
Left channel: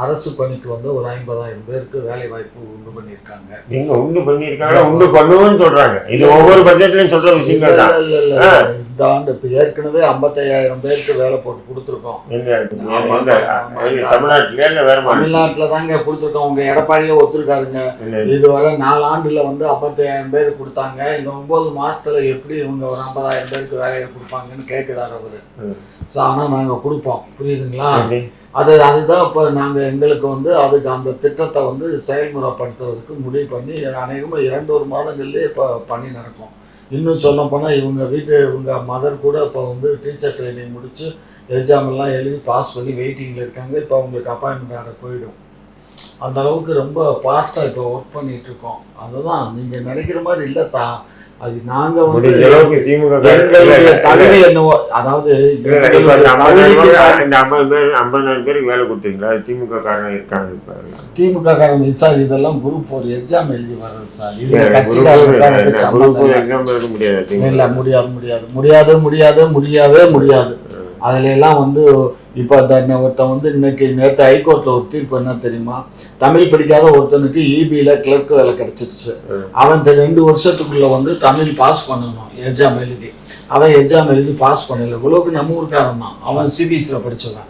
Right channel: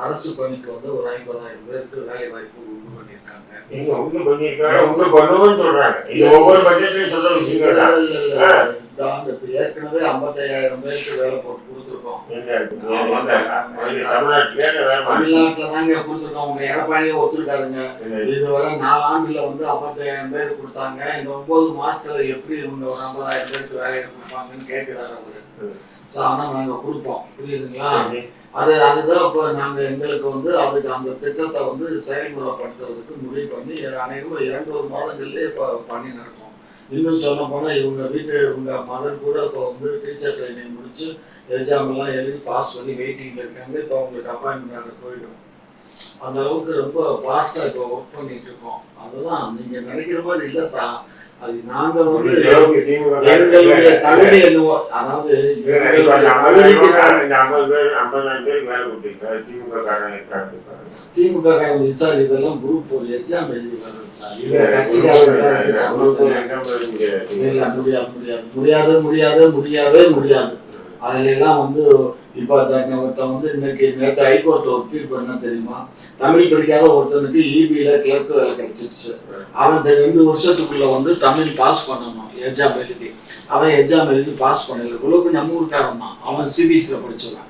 அரசு பணிக்கு வந்து ஒரு 50,000 பேருக்கு வேலை வாய்ப்பு உண்டு பண்ணியிருக்காங்க. நீங்க உண்டு பண்ணியிருக்காங்க, உண்டு பண்ணுவோம்னு சொல்றாங்க. இது ஒவ்வொரு பட்ஜெட்லயும் சொல்ற விஷயங்கள் தான். இந்த ஆண்டு இப்ப ஏற்கனவே 55,000 பேருக்கு வேலை போட்டு கொடுத்துருக்கோம். தமிழ்நாட்டுல தாங்க கொடுத்துருக்கோம். உங்க எடப்பாடியே ஒத்துருக்காருங்க. இதுவரை 4 ஆண்டுல வந்து 55,000 பேருக்கு கொடுத்தாங்க. இந்த 9 மாசத்துல எப்படி இவங்க ஒரு 50,000 பேருக்கு வேலையை கொடுப்பாங்கன்னு கேட்கிறாரு அவரு. ஆனா நாங்க கொடுப்போம், புரியுதுங்களா? அதுதான் இப்போ நாங்கள் எங்களுக்கு வந்து அதுக்கு அந்த திட்டத்தை வந்து செயல்முறைப்படுத்துறதுக்கு முடிவு பண்ணி அநேகமாக 2 மாதங்கள்லேயே இப்போ பணி நடக்கும். இன்னும் சொல்ல போனால் இவங்க மதர் கூட இப்போ வந்து டீச்சர் ட்ரைனிங் முடிச்சு எக்ஸாம் எல்லாம் எழுதி பாஸ் பண்ணி வெயிட்டிங்கில் இருக்காங்க. இப்போ அவங்களுக்கு அப்பாயின்மெண்ட் ஆர்டர் போயிடும். அந்த அளவுக்கு ரொம்ப ஃபாஸ்ட்டாக இப்போ ஒர்க் பண்ணிட்டு இருக்கோம். அதுதான் நீங்கள் நினைக்கிற மாதிரி இல்லைத்தா. அது நாங்க வந்து எங்களுடைய தகுதி என்னவோ, அதாவது 50,000 பேருக்கு வேலை கொடுத்தீங்களா? திமுக காரங்க இருக்காங்க. திமுக காரங்க சார் இதெல்லாம் குரூப் ஒரு எக்ஸாம் எழுதி வர்றது சார். இது இல்ல முடியாது. அதுல எல்லாம் வந்து இப்போ ஒருத்தன் வந்து நேற்று ஹைகோர்ட்ல ஒரு தீர்ப்பு என்ன தெரியுமா? தமிழ் படிக்காத ஒருத்தனுக்கு இபியில கிளர்க் வேலை கிடைச்சிருச்சு. அவன் 2 வருஷத்துக்குள்ள வந்து தமிழ் பாஸ் பண்ணணும் எக்ஸாம் எழுதி. அவன் எக்ஸாம் எழுதி பாஸ் பண்ணல. இவ்வளவுக்கு நம்ம ஊருக்காரன் தான். அவன் சிபிஎஸ்சியில் படிச்சவன்,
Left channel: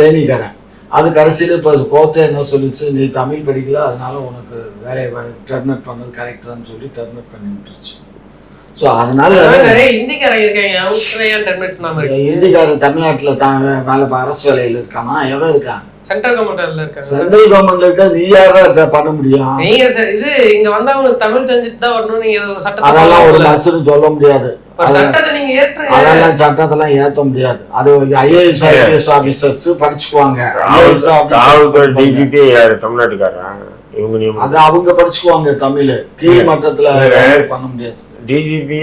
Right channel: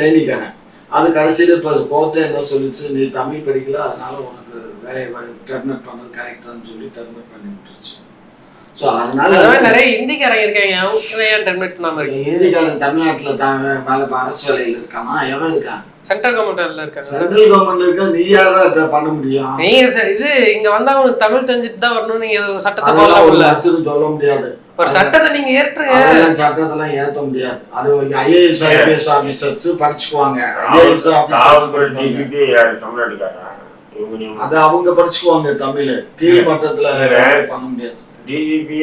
தேனிக்காரன். அது கடைசியில் இப்போ கோர்ட்டை என்ன சொல்லிச்சு, நீ தமிழ் படிக்கல அதனால உனக்கு வேலையை டெர்மினேட் பண்ணது கரெக்டான்னு சொல்லி டெர்மினேட் பண்ணி விட்டுருச்சு. ஸோ அதனால நிறைய இந்திக்காரங்க இருக்காங்க. இந்திக்காரன் தமிழ்நாட்டில் தான் அரசு வேலையில் இருக்கானா? எவன் இருக்கான்? சென்ட்ரல் கவர்மெண்ட்ல இருக்காங்க. சென்ட்ரல் கவர்மெண்ட்ல இருக்க நீ யாரா பண்ண முடியும்? நீங்க இது இங்க வந்தா உங்களுக்கு தமிழ் தெரிஞ்சுட்டு தான் வரணும். நீங்க சட்டத்தை சொல்ல முடியாது. ஒரு சட்டத்தை நீங்க ஏற்றுங்க. சட்டத்தெல்லாம் ஏற்ற முடியாது. அது ஐஏஎஸ் ஐபிஎஸ் ஆபீசர்ஸ் படிச்சுக்குவாங்க. அது அவங்க படிச்சுக்குவாங்க. தமிழ் கீழ் மட்டத்துல பண்ண முடியாது. டிஜிபி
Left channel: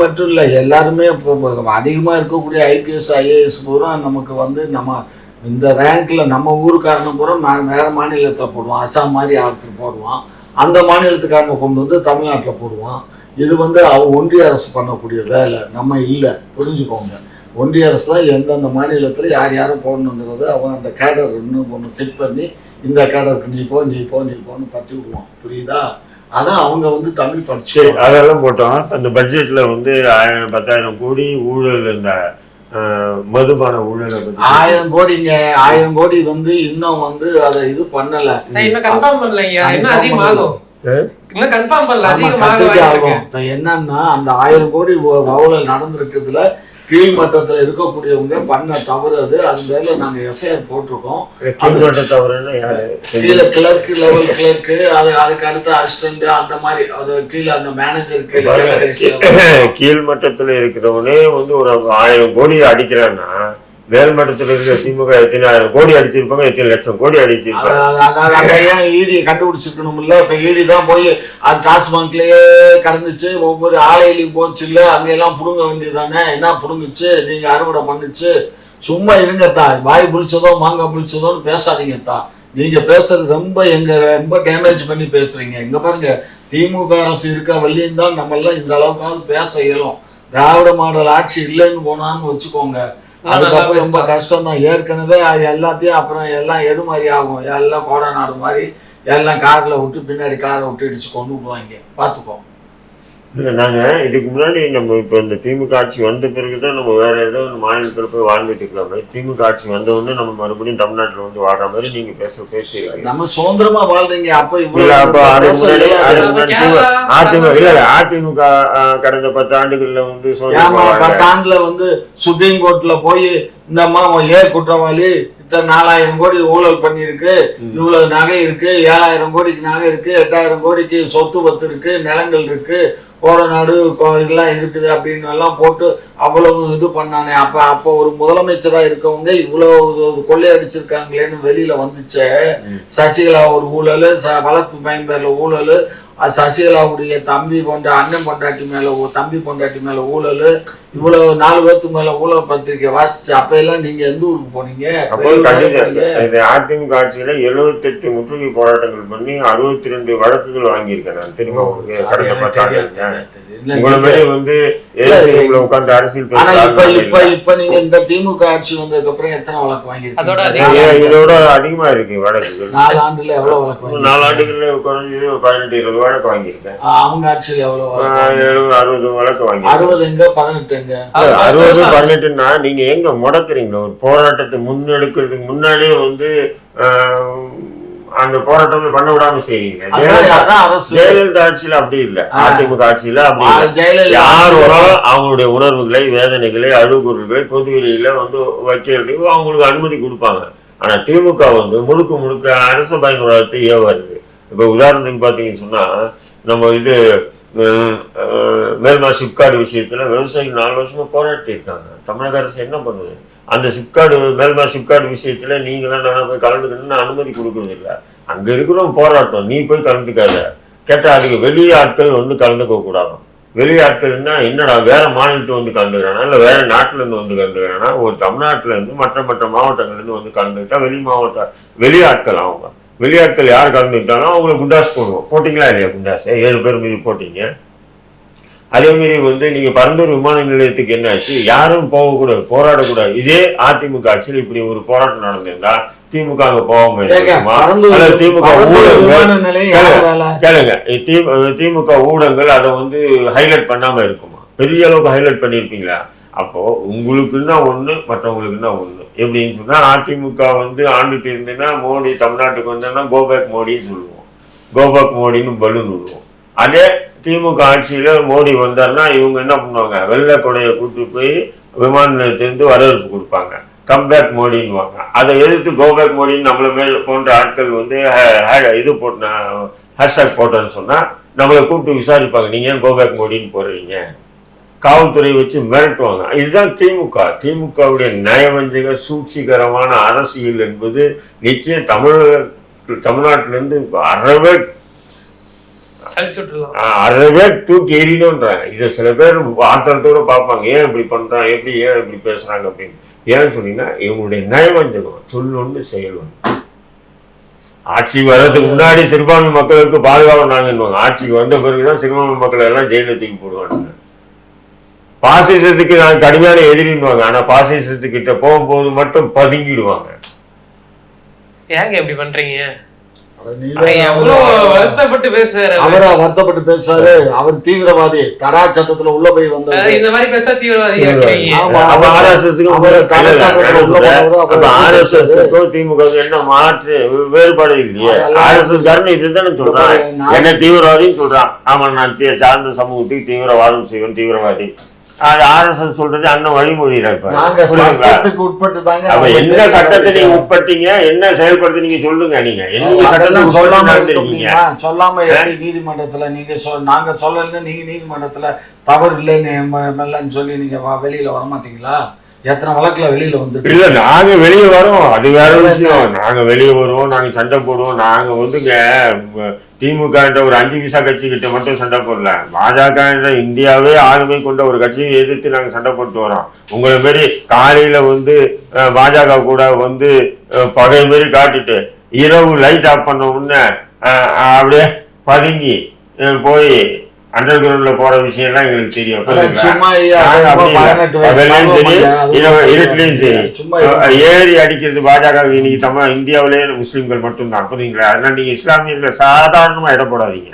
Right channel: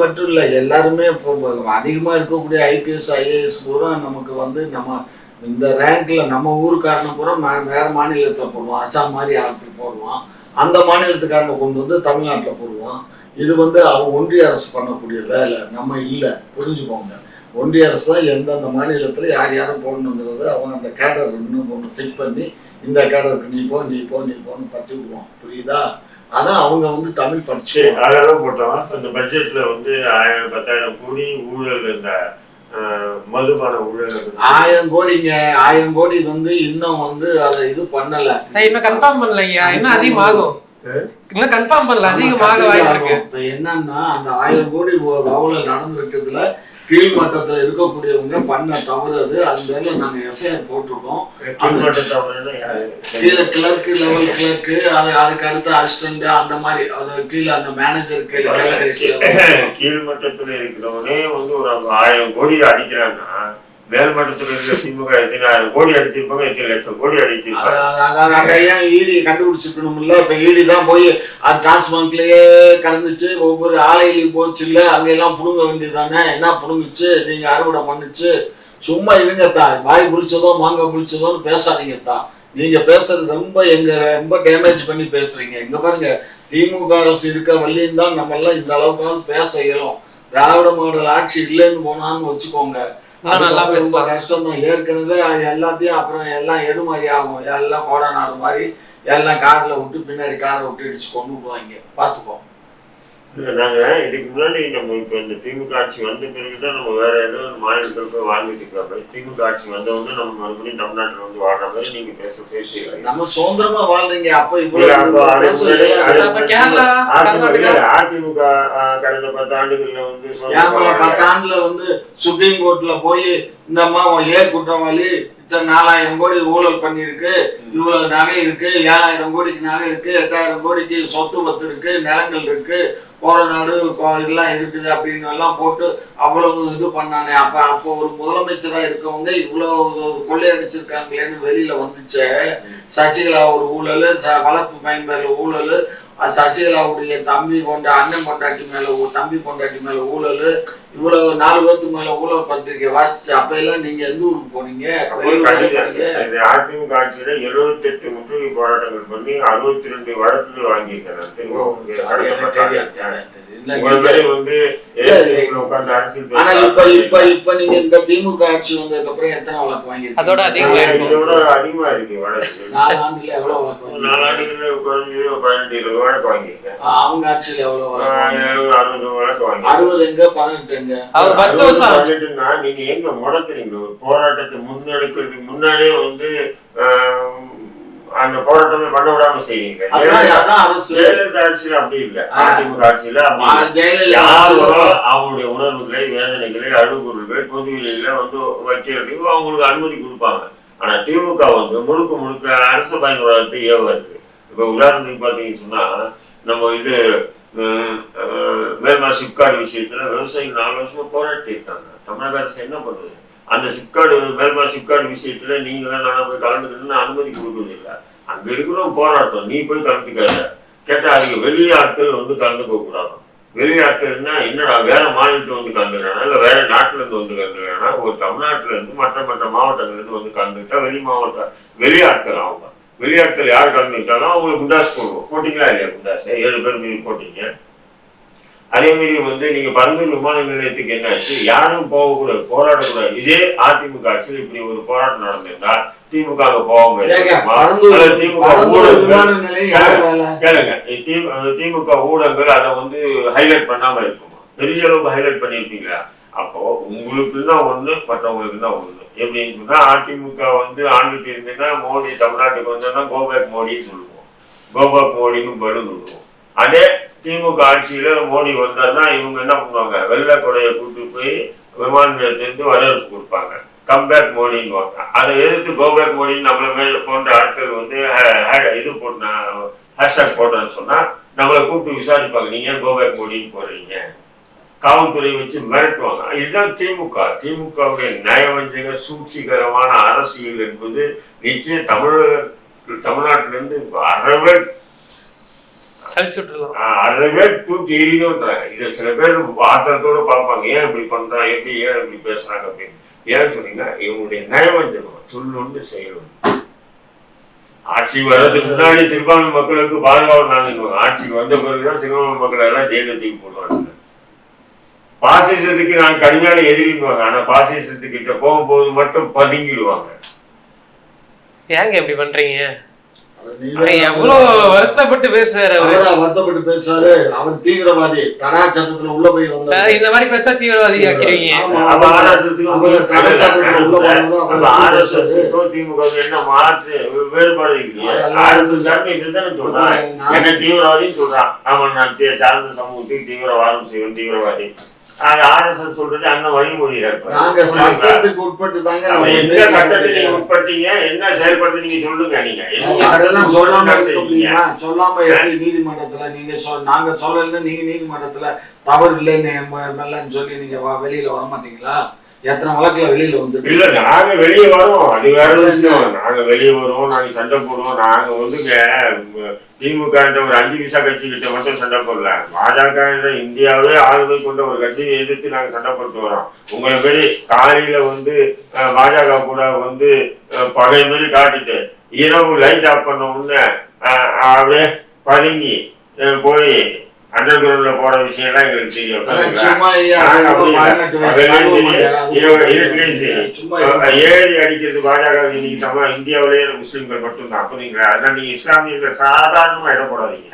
மட்டும் இல்ல, எல்லாருமே அதிகமா இருக்கக்கூடிய ஐபிஎஸ் ஐஏஎஸ் பூரா நமக்கு வந்து நம்ம இந்த ரேங்க்ல நம்ம ஊருக்காரனை பூரா வேற மாநிலத்தை போடுவான். அசாம் மாதிரி ஆட்கள் போடுவான். அந்த மாநிலத்துக்காரனை கொண்டு வந்து தமிழ்நாட்டில் போடுவான். இது வந்து ஒன்றிய அரசு பண்ணக்கூடிய வேலை, நம்ம இல்லை. புரிஞ்சுக்கோங்க. ஒன்றிய அரசு தான் எந்தெந்த மாநிலத்தில் யாரும் போடணுங்கிறது அவன் அந்த கேடர் இன்னும் ஒன்று ஃபிட் பண்ணி இந்த கேடருக்கு நீ போன்னு பற்றி விடுவான். புரியுதா? அதான் அவங்க வந்து தமிழ் படிச்சு அதெல்லாம் போட்டோம். அந்த பட்ஜெட்ல வந்து 10,000 கோடி ஊழல், இந்த மதுபான ஊழல் 1000 கோடிங்க. 1000 கோடி வந்து இன்னும் வந்து அதை இது பண்ணல, இன்னும் கன்ஃபார்ம் பண்ணலைங்க. இன்னும் அதிகமாகும். இன்னும் கன்ஃபார்ம் பண்ணல, அதிகமாக வாய்ப்பு. இப்ப என்னன்னா அந்த 1000 கோடி ஊழல் நடந்திருக்கிறதுல கீழ்மட்டத்துல இருக்கக்கூடியவங்க பண்ண தவறு அது. அது மேல நாங்க எஃப்ஐஆர் போட்டிருக்கோம். கீழே கிளர்க்கு, லெவல் கிளர்க்கு, அதுக்கு அடுத்த அசிஸ்டன்ட், அந்த மாதிரி அது கீழே அந்த மேனேஜர் கீழ்மட்டத்துல இருக்கிறவனே வந்து ஒரு 1000 கோடி அடிக்கிறான்னா மேல்மட்டத்தில் இருக்கிற திமுக எத்தனை 1000 கோடி அடிச்சிருப்பாங்க, எத்தனை லட்சம் கோடி அடிச்சிருப்பாங்க. ஏன் ஈடி கண்டுபிடிச்சிருக்கணும் இல்ல? இப்ப ஈடி தான் போய் அது டாஸ்மாக்லயே கடந்துச்சு, ஒவ்வொரு ஆலையிலையும் போச்சு இல்ல, அங்கெல்லாம் புடுங்க வேண்டியதானே? என்ன புடுங்குச்சு? நீங்க அறுவடை பண்ணுச்சு. சும்மா இருங்கத்தா. வாய் புளிச்சதோ மாங்காய் புளிச்சதோன்னு பேசாதீங்கத்தா. நீங்க பேசுறது ரொம்ப டேமேஜ் பண்ணி பேசுறீங்க. இங்க பாருங்க, திமுக அரசு இருக்க வழியும் தான் நம்ம எல்லாம் இந்த அளவுக்காவது பேச இயலும். திராவிட மாடல் ஆட்சி இல்லைன்னு போனான்னு வச்சுக்கோங்க, ரொம்ப கஷ்டம் தான். ஏற்கனவே எல்லாத்தையும் அப்புறம் எல்லாம் எது மாதிரி ஆகும்? எல்லாம் கோடநாடு மாதிரி எல்லாம் கார்ல விட்டு பின்னாடி காரை விட்டு இடிச்சு கொண்டு விடுவாங்க. பார்த்துக்கோ. இல்லை, நாங்கள் இதுக்கு முன்னாடி நம்ம இப்போ இந்த திமுக ஆட்சி வந்த பிறகுதான் நம்ம வேற ஏதோ ஒரு மாநிலத்தில் போய் வாழ்ந்துட்டு இருக்கிற மாதிரி, திமுக ஆட்சி வந்தவொடனே நம்ம மறுபடியும் தமிழ்நாட்டில் வந்து வாழ்ற மாதிரி நீங்க பேசி நம்ம சுதந்திரமா வாழ்றீங்க. அப்ப அதிமுக கடந்த 10 ஆண்டுகள்ல வந்து 10 ஆண்டுல வந்து சுப்ரீம் கோர்ட்ல போய் இந்த அம்மா குற்றவாளி இத்தனை 4000 கோடி ஊழல் பண்ணிருக்கு, இவ்வளவு நகை இருக்கு, 7000 கோடிக்கு நகை இருக்கு, 8000 கோடிக்கு சொத்து பத்து இருக்கு, நிலங்கள் இருக்கு, கோடநாடு இதெல்லாம் இருக்குது அப்படின்னு எல்லாம் போட்டு அவ்வளவு இது பண்ணானே. அப்போ ஒரு முதலமைச்சரா இருக்கவங்க இவ்வளவு கொள்ளையடிச்சிருக்காங்களேன்னு வெளியில வந்துச்சு. சசிகலா ஒரு ஊழல், வளர்ப்பு பயன்பெற ஊழல், சசிகலாவுடைய அண்ணன் பொண்டாட்டி மேல தம்பி பொண்டாட்டி மேல ஊழல், இவ்வளவு 4 பேருக்கு மேல ஊழல் பத்திரிக்கை வாசிச்சு. அப்ப எல்லாம் நீங்க எந்த ஊருக்கு போனீங்க? அதிமுக ஆட்சியில 78 முற்றுகை போராட்டங்கள் பண்ணி 62 வழக்குகள் வாங்கியிருக்கேன். உட்காந்து அரசியல் இப்ப நீங்க இந்த திமுக ஆட்சி வந்ததுக்கு அப்புறம் எத்தனை வழக்கு வாங்கிருக்கீங்க? இதோட அதிகமா இருக்கு வழக்குகள். 4 ஆண்டுல எவ்வளவு வழக்கு? 4 ஆண்டுகள்ல குறைஞ்சு 18-20 வழக்கு வாங்கியிருக்கேன். அவங்க ஆட்சியில எவ்வளவு? 60 வழக்கு வாங்கி. 60 எங்க 18 எங்க? 18ன்னா நீங்க எங்க முடக்குறீங்களோ ஒரு போராட்டத்தை முன்னெடுக்கிறதுக்கு முன்னாடியே வந்து அந்த போராட்டத்தை பண்ண விடாம செய்வீங்க. ஜெயலலிதா ஆட்சியில அப்படி இல்லை, அதிமுக ஆட்சியில யாரோ அவங்களுடைய உணர்வுகளை, வேதனைகளை, அழுகுறல்களை பொதுவெளியில வந்து வைக்கிறதுக்கு அவங்களுக்கு அனுமதி கொடுப்பாங்க. ஆனா திமுக வந்து முழுக்க அரசு பயன்பாட்டை ஏவாது. இப்ப உதாரணத்துக்கு பாத்தீங்கன்னு சொன்னா, நம்ம மேல்மா சிப்காடு விஷயத்துல விவசாயிகள் 4 வருஷமா போராட்டி இருக்காங்க. தமிழக அரசு என்ன பண்ணுது? அந்த சிப்காடு மேல்மா சிப்காடு விஷயத்துல நீங்களாம் நான் போய் கலந்துக்கணும்னு அனுமதி கொடுக்கறது இல்லை. அங்க இருக்கிறோம் போராட்டம், நீ போய் கலந்துக்காத. கேட்டா அதுக்கு வெளி ஆட்கள் வந்து கலந்துக்க கூடாது. வெளி ஆட்கள்னா என்னடா வேற மாநிலத்தை வந்து கலந்துக்கிறானா இல்லை வேற நாட்டுல இருந்து வந்து கலந்துக்கிறானா? ஒரு தமிழ்நாட்டுல இருந்து மற்ற மாவட்டங்கள்ல இருந்து வந்து கலந்துக்கிட்டா வெளி ஆட்கள் அவங்க. வெளியாட்கள் யார் கலந்துக்கிட்டாலும் அவங்களுக்கு குண்டாஸ் போடுவோம். போட்டிங்களா இல்லையா? குண்டாஸ் 7 பேர் மீது போட்டீங்க. அதே மாதிரி வந்து நீங்க பரந்தூர் விமான நிலையத்துக்கு என்ன ஆச்சு? யாரும் போகக்கூடாது, போராடக்கூடாது. இதே அதிமுக ஆட்சியில் இப்படி ஒரு போராட்டம் நடந்திருந்தா திமுக அங்க போகாம திமுக திமுக ஊடகங்கள் அதை வந்து ஹைலைட் பண்ணாம இருக்குமா? பெரிய அளவுக்கு ஹைலைட் பண்ணிருப்பீங்களா? அப்போ உங்களுக்குன்னா ஒண்ணு, மற்றவங்களுக்குன்னா ஒண்ணு. எப்படின்னு சொன்னா அதிமுக வந்து ஆண்டுட்டு இருந்ததுன்னா மோடி தமிழ்நாட்டுக்கு வந்தோம்னா கோபேக் மோடின்னு சொல்லுவோம், கோபேக் மோடின்னு பலூன் விடுவோம். அதே திமுக ஆட்சியில மோடி வந்தாருன்னா இவங்க என்ன பண்ணுவாங்க? வெள்ளை கொடையை கூட்டு போய் விமான நிலையத்திலிருந்து வரவேற்பு கொடுப்பாங்க, கம்பேக் மோடின்னுவாங்க. அதை எதிர்த்து கோபேக் மோடின்னு நம்மள மேல் போன்ற ஆட்கள் வந்து இது போட்ட ஹேஷ்டாக் போட்டோன்னு சொன்னா நம்மளை கூப்பிட்டு விசாரிப்பாங்க, நீங்க ஏன் கோபேக் மோடின்னு போடுறீங்க? காவல்துறை வச்சு மிரட்டுவாங்க. இதுதான் திமுகவுடைய நயவஞ்சக சூழ்ச்சிகரமான அரசியல் என்பது நிச்சயம் தமிழ்நாட்டிலிருந்து அறவே தூக்கி எறியணும்ன்றாங்க. இதை சில பேர் ஆத்திரத்தோட பார்ப்பாங்க, ஏன் இப்படி பண்றான், ஏன் இப்படி பேசுறாங்க அப்படின்னு. ஏன்னு சொன்னீங்கன்னா இவங்களுடைய நயவஞ்சகம் சொல்லொன்று செயல். ஆட்சி வர்றதுக்கு முன்னாடி சிறுபான்மை மக்களுக்கு பாதுகாப்பு நாங்க, ஆட்சிக்கு வந்த பிறகுதான் சிறுபான்மை மக்கள் எல்லாம் ஜெயிலுக்கு போடுவாங்க. பாசிசத்துக்கு நான் கடுமையான எதிரிடுவாங்க, ஆனா பாசிசத்துக்கிட்ட போகும்போது மட்டும் பதுங்கிடுவாங்க. ஏங்க இப்படி பண்றீங்க? எவ்வளவு வருத்தப்பட்டு பேசுறாரு. அவர் தீவிரவாதி, தடா சட்டத்துல உள்ள போய் வந்தாரு. இந்த மாதிரி பேச தீவிரவாதி திமுக என்ன மாற்று வேறுபாடு இல்லையா? ஆர்எஸ்எஸ் காரன் இதுதானே சொல்றான், என்ன தீவிரவாதின்னு சொல்றான். ஆமா, நான் சார்ந்த சமூகத்துக்கு தீவிரவாதம் செய்வேன், தீவிரவாதி. ஆர்எஸ்எஸ் சொல்றது அண்ணன் வழிமொழி என்ன சட்டத்தை நீங்க உட்பட்டீங்க, என்ன செயல்படுத்த நீங்க சொல்லுங்க. நீங்க சொல்லாம நீதிமன்றத்துல நீங்க நாங்க சொல்லல, நீங்க நீதிமன்றத்துல தவறு இல்லைன்னு சொல்லி நீங்க வெளியில வர மாட்டீங்களா? எத்தனை வழக்குல வெளியில வந்து இல்ல, நாங்க வெளியே வரோம், அது வேற விஷயம். நாங்க வெளியே வருவோம், நாங்க சண்டை போடுவோம். நாங்க வந்துங்க திமுக என்ற ஒரு 5 பைசா கட்சி கிட்ட மட்டும் சண்டை போடல, பாஜக என்ற இந்தியாவே ஆளுமை கொண்ட ஒரு கட்சியை எதிர்த்து நாங்க சண்டை போட்டு வரோம். உங்களை மாரி காலையில வந்து பாஜக கூட வந்து பகை மாரி காட்டிட்டு இரவு லைட் ஆஃப் பண்ண உடனே அப்படியே பதுங்கி போய் அண்டர் கிரவுண்ட்ல போற விஷயம் எல்லாம் எங்களுக்கு தெரியும். ஏறி அடிக்கிறது பாஜக இன்னைக்கு இந்தியாவிலேயே முஸ்லிம்கள் மட்டும்தான், புரியுங்களா? அதனால நீங்க இஸ்லாமியர்கள் சாதாரணமா இட போடாதீங்க.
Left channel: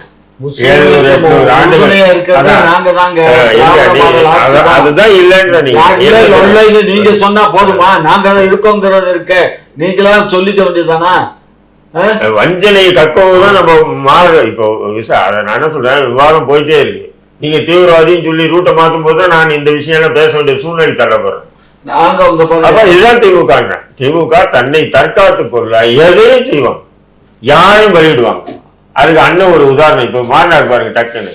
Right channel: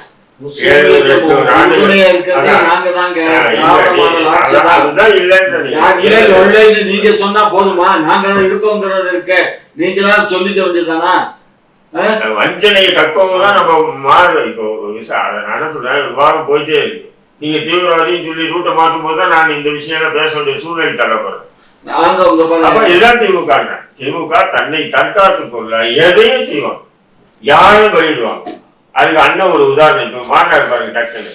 அதுதான் இல்லைன்னு நீங்க சொன்னா போதுமா? நாங்க இருக்கோங்கிறது இருக்கு, நீங்களா சொல்லிக்க வேண்டியதுதானா? வஞ்சனை கக்கவுதான் நம்ம மாறுறோம். இப்போ அதை நான் என்ன சொல்றேன், விவாதம் போயிட்டே இருக்கு. நீங்க தீவிரவாதின்னு சொல்லி ரூட்டை மாற்றும் போதுதான் நான் இந்த விஷயம் எல்லாம் பேச வேண்டிய சூழ்நிலை தள்ளப்படுறேன். இதுதான் திமுக தன்னை தற்காத்து பொருளா எதையும் செய்வாங்க, யாரும் வெளியிடுவாங்க. அதுக்கு அண்ணன் ஒரு உதாரணம் இப்ப மாறினார் பாருங்க டக்குன்னு.